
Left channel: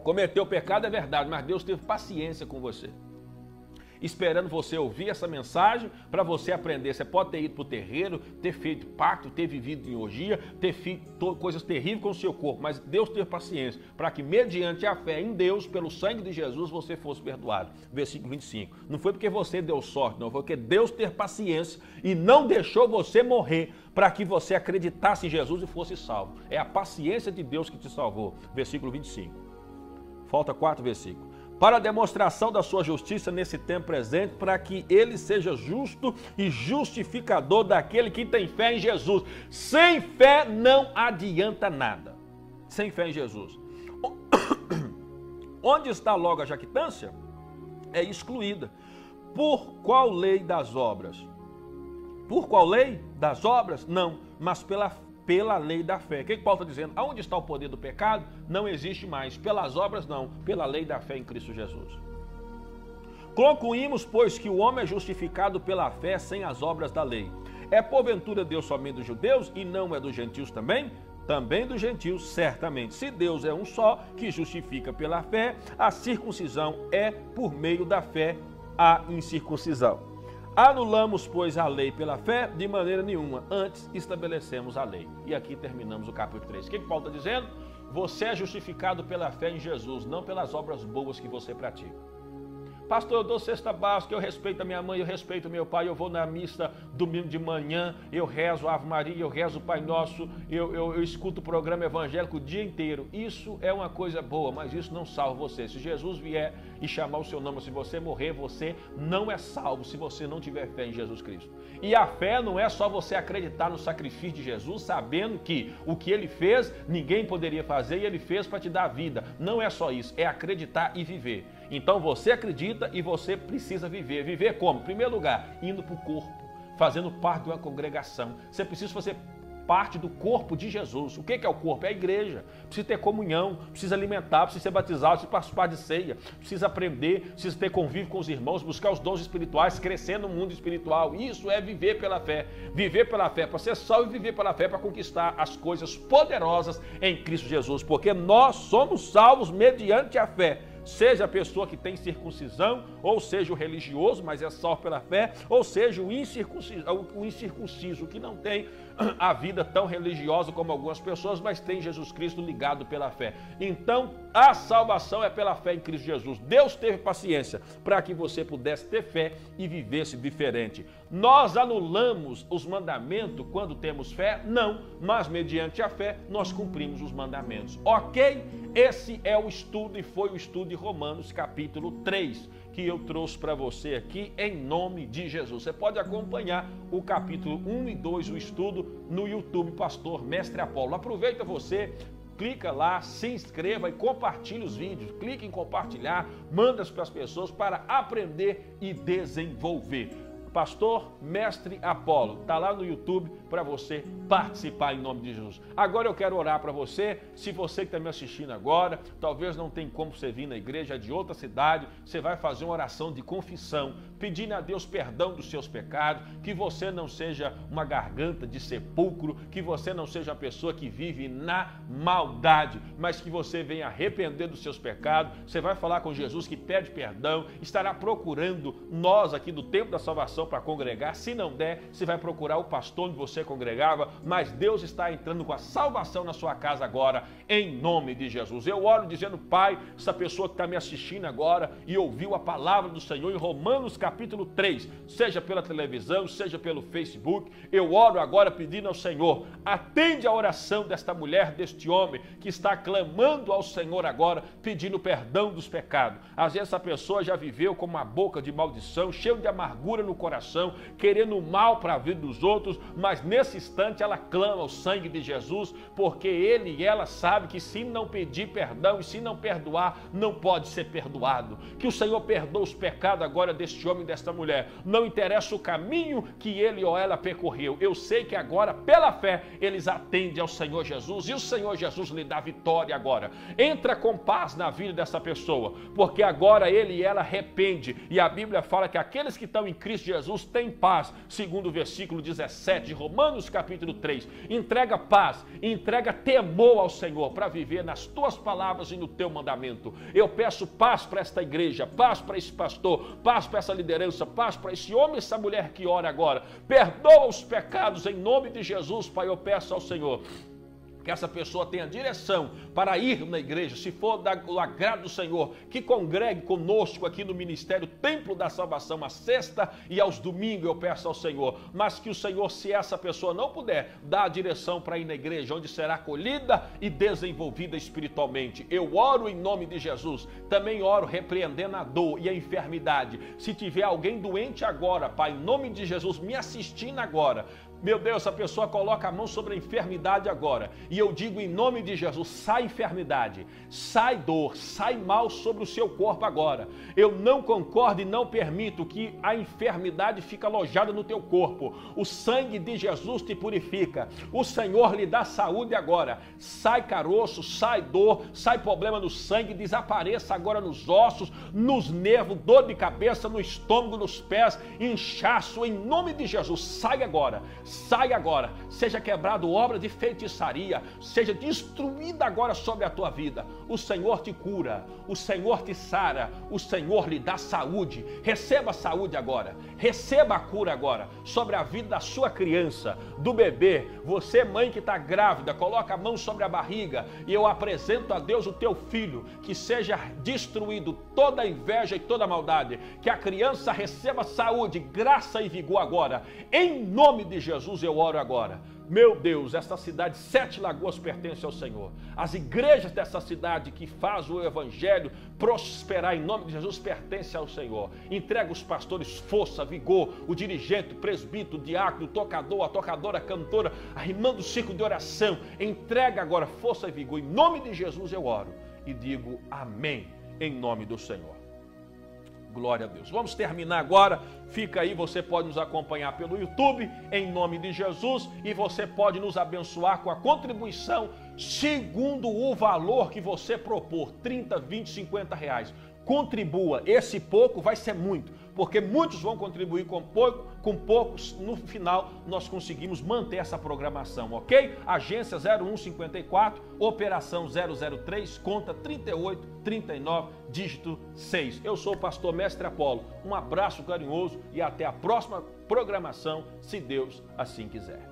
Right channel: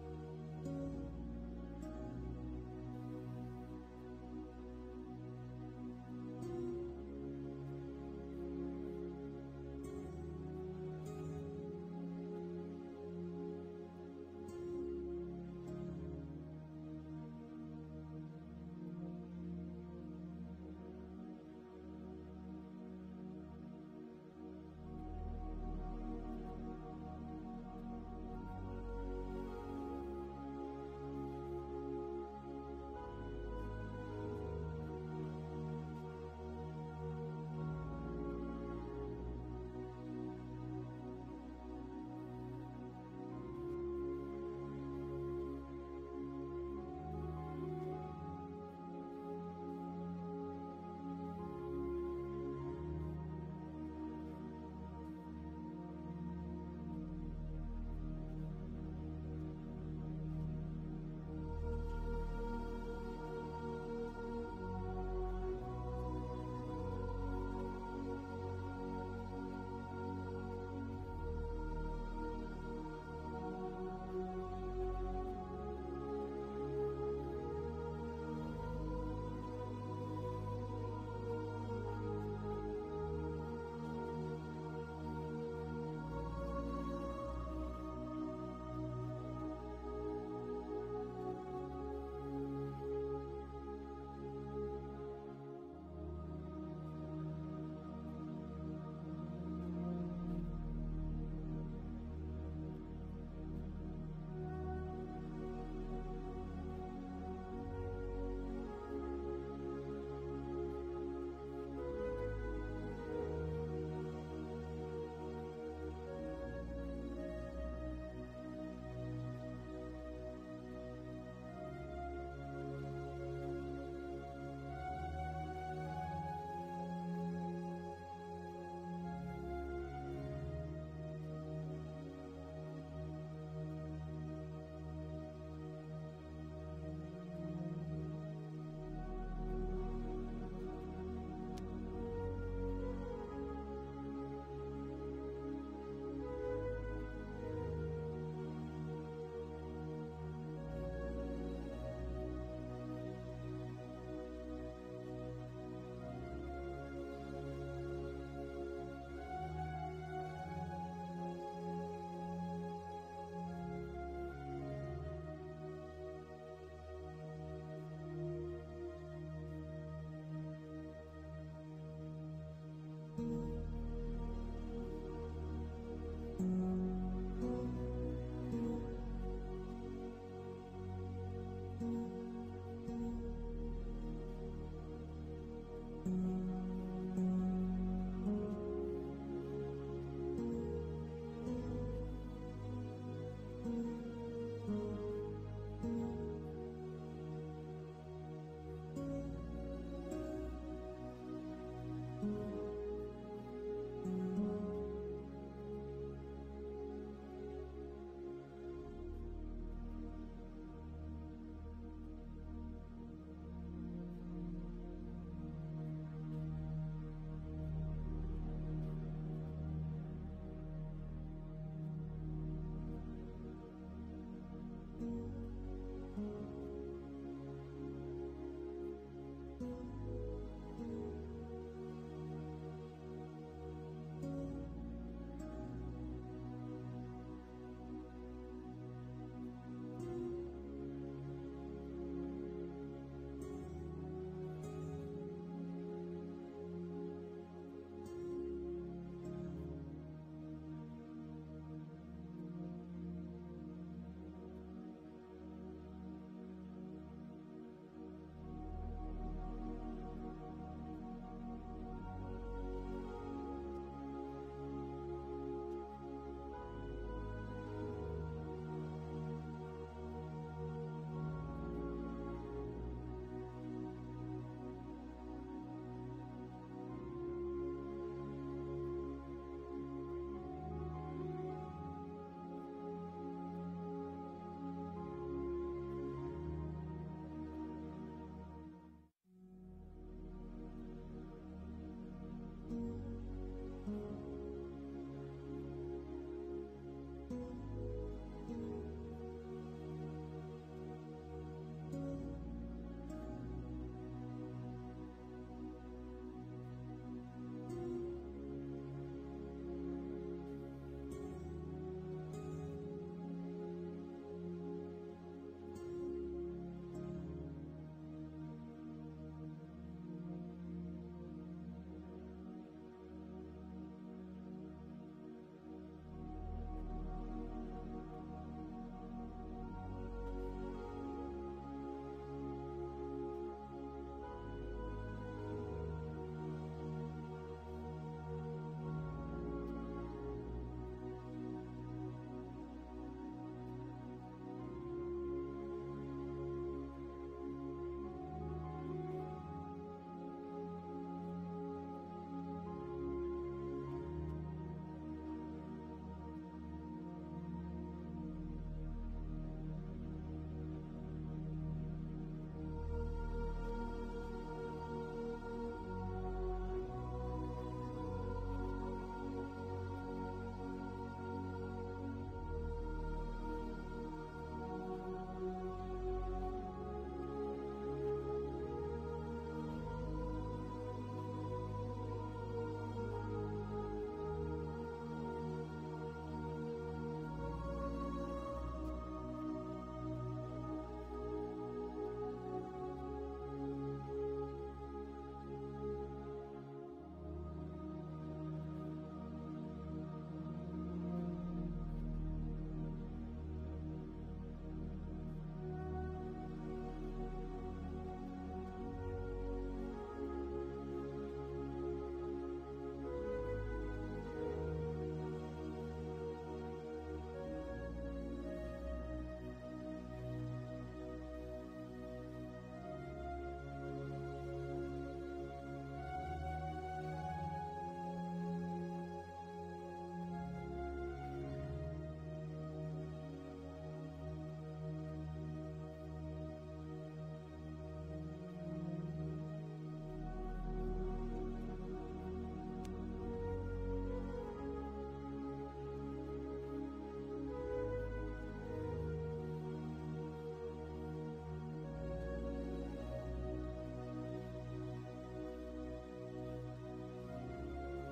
Cometeu o pecado é verdade, mas Deus teve paciência com você, esperando você ouvir essa mensagem para você aprender. Você pode ter ido para o terreiro, ter feito pacto, ter vivido em orgia, ter feito coisas terríveis com o seu corpo, mas Deus teve paciência para que, mediante a fé em Deus, pelo sangue de Jesus, você fosse perdoado. Versículo 25. Não foi porque você deu sorte, não, foi porque Deus teve paciência e não deixou você morrer para que você acreditasse em Jesus e fosse salvo. É a paciência de Deus que te salvou. Versículo 25. Falta 4 versículos. Para a demonstração da sua justiça nesse tempo presente, para que ele seja justo e justificador daquele que tem fé em Jesus. Sem fé não adianta nada. Sem fé em Jesus. Onde está logo a jactância? É excluída. Por qual lei das obras? Por qual lei das obras? Não, mas pela lei da fé. O que Paulo está dizendo? Aonde está o poder do pecado? Não existe mais. Pelas obras, não. Pela lei da fé em Cristo Jesus. Concluímos, pois, que o homem é justificado pela fé sem as obras da lei. É porventura Deus somente dos judeus e não é dos gentios também? Também dos gentios, certamente. Se Deus é um só, que justifica pela fé, a circuncisão é por meio da fé a incircuncisão. Anulamos, pois, a lei pela fé? De maneira nenhuma. Antes estabelecemos a lei. E aqui terminamos o capítulo 3. O que Paulo está dizendo? Você é justificado pela fé em Jesus, não pelas obras boas que você pratica. Pastor, eu dou cesta básica, eu respeito a minha mãe, eu respeito meu pai, eu vou na missa domingo de manhã, eu rezo a Ave Maria, eu rezo o Pai Nosso, eu escuto o programa evangélico o dia inteiro. Isso é uma coisa boa, mas isso não salva você. Se Jesus vier e chamar o seu nome, se você morrer, você não é salvo se você não tiver fé em Jesus Cristo. E a fé não é só você acreditar no sacrifício de Jesus, sabendo que o que ele fez, ninguém poderia fazer e ele fez para te dar vida. Não é só isso, é acreditar e viver. Então você acredita e você precisa viver. Viver como? Em primeiro lugar, indo para o corpo, fazendo parte de uma congregação. Você precisa fazer parte do corpo de Jesus. O que é o corpo? É a igreja. Precisa ter comunhão, precisa alimentar, precisa ser batizado, precisa participar de ceia, precisa aprender, precisa ter convívio com os irmãos, buscar os dons espirituais, crescer no mundo espiritual. Isso é viver pela fé. Viver pela fé para ser salvo e viver pela fé para conquistar as coisas poderosas em Cristo Jesus. Porque nós somos salvos mediante a fé. Seja a pessoa que tem circuncisão, ou seja o religioso, mas é salvo pela fé, ou seja o incircunciso que não tem a vida tão religiosa como algumas pessoas, mas tem Jesus Cristo ligado pela fé. Então, a salvação é pela fé em Cristo Jesus. Deus teve paciência para que você pudesse ter fé e vivesse diferente. Nós anulamos os mandamentos quando temos fé? Não, mas mediante a fé nós cumprimos os mandamentos. Ok? Esse é o estudo e foi o estudo de Romanos capítulo 3 que eu trouxe para você aqui em nome de Jesus. Você pode acompanhar o capítulo 1 e 2, o estudo, no YouTube, Pastor Mestre Apolo. Aproveita você, clica lá, se inscreva e compartilhe os vídeos. Clique em compartilhar, manda para as pessoas para aprender e desenvolver. Pastor Mestre Apolo. Está lá no YouTube para você participar em nome de Jesus. Agora eu quero orar para você. Se você que está me assistindo agora, talvez não tem como você vir na igreja de outra cidade, você vai fazer uma oração de confissão, pedindo a Deus perdão dos seus pecados, que você não seja uma garganta de sepulcro, que você não seja uma pessoa que vive na maldade, mas que você venha arrepender dos seus pecados. Você vai falar com Jesus que pede perdão, estará procurando nós aqui do Templo da Salvação para congregar. Se não der, você vai procurar o pastor onde você congregava, mas Deus está entrando com a salvação na sua casa agora, em nome de Jesus. Eu oro dizendo, Pai, essa pessoa que está me assistindo agora e ouviu a palavra do Senhor em Romanos capítulo 3, seja pela televisão, seja pelo Facebook, eu oro agora pedindo ao Senhor, atende a oração desta mulher, deste homem que está clamando ao Senhor agora, pedindo perdão dos pecados. Às vezes essa pessoa já viveu com uma boca de maldição, cheio de amargura no coração, querendo o mal para a vida dos outros, mas nesse instante ela clama ao sangue de Jesus, porque ele e ela sabe que se não pedir perdão e se não perdoar, não pode ser perdoado. Que o Senhor perdoe os pecados agora deste homem e desta mulher. Não interessa o caminho que ele ou ela percorreu. Eu sei que agora, pela fé, eles atendem ao Senhor Jesus e o Senhor Jesus lhe dá vitória agora. Entra com paz na vida dessa pessoa, porque agora ele e ela arrepende. E a Bíblia fala que aqueles que estão em Cristo Jesus têm paz, segundo o versículo 17 de Romanos capítulo 3. Entrega paz, entrega temor ao Senhor para viver nas tuas palavras e no teu mandamento. Eu peço paz para esta igreja, paz para esse pastor, paz para essa liderança, paz para esse homem e essa mulher que ora agora. Perdoa os pecados em nome de Jesus, Pai, eu peço ao Senhor que essa pessoa tenha direção para ir na igreja, se for do agrado do Senhor, que congregue conosco aqui no Ministério Templo da Salvação, à sexta e aos domingos, eu peço ao Senhor, mas que o Senhor, se essa pessoa não puder, dá a direção para ir na igreja, onde será acolhida e desenvolvida espiritualmente. Eu oro em nome de Jesus, também oro repreendendo a dor e a enfermidade. Se tiver alguém doente agora, Pai, em nome de Jesus, me assistindo agora, meu Deus, essa pessoa coloca a mão sobre a enfermidade agora. E eu digo em nome de Jesus, sai enfermidade, sai dor, sai mal sobre o seu corpo agora. Eu não concordo e não permito que a enfermidade fique alojada no teu corpo. O sangue de Jesus te purifica. O Senhor lhe dá saúde agora. Sai caroço, sai dor, sai problema no sangue, desapareça agora nos ossos, nos nervos, dor de cabeça, no estômago, nos pés, inchaço, em nome de Jesus, sai agora. Sai agora, seja quebrado obra de feitiçaria, seja destruída agora sobre a tua vida. O Senhor te cura, o Senhor te sara, o Senhor lhe dá saúde. Receba a saúde agora, receba a cura agora sobre a vida da sua criança, do bebê. Você, mãe que está grávida, coloca a mão sobre a barriga e eu apresento a Deus o teu filho, que seja destruído toda a inveja e toda a maldade, que a criança receba saúde, graça e vigor agora, em nome de Jesus. Eu oro agora. Meu Deus, esta cidade, Sete Lagoas, pertence ao Senhor. As igrejas dessa cidade que faz o evangelho prosperar em nome de Jesus pertence ao Senhor. Entrega os pastores força, vigor, o dirigente, o presbítero, o diácono, o tocador, a tocadora, a cantora, arrimando o círculo de oração. Entrega agora força e vigor. Em nome de Jesus eu oro e digo amém em nome do Senhor. Glória a Deus. Vamos terminar agora. Fica aí, você pode nos acompanhar pelo YouTube, em nome de Jesus, e você pode nos abençoar com a contribuição segundo o valor que você propor, 30, 20, 50 reais. Contribua, esse pouco vai ser muito, porque muitos vão contribuir com poucos, no final nós conseguimos manter essa programação, ok? Agência 0154, operação 003, conta 3839, dígito 6. Eu sou o pastor Mestre Apolo, um abraço carinhoso e até a próxima programação, se Deus assim quiser.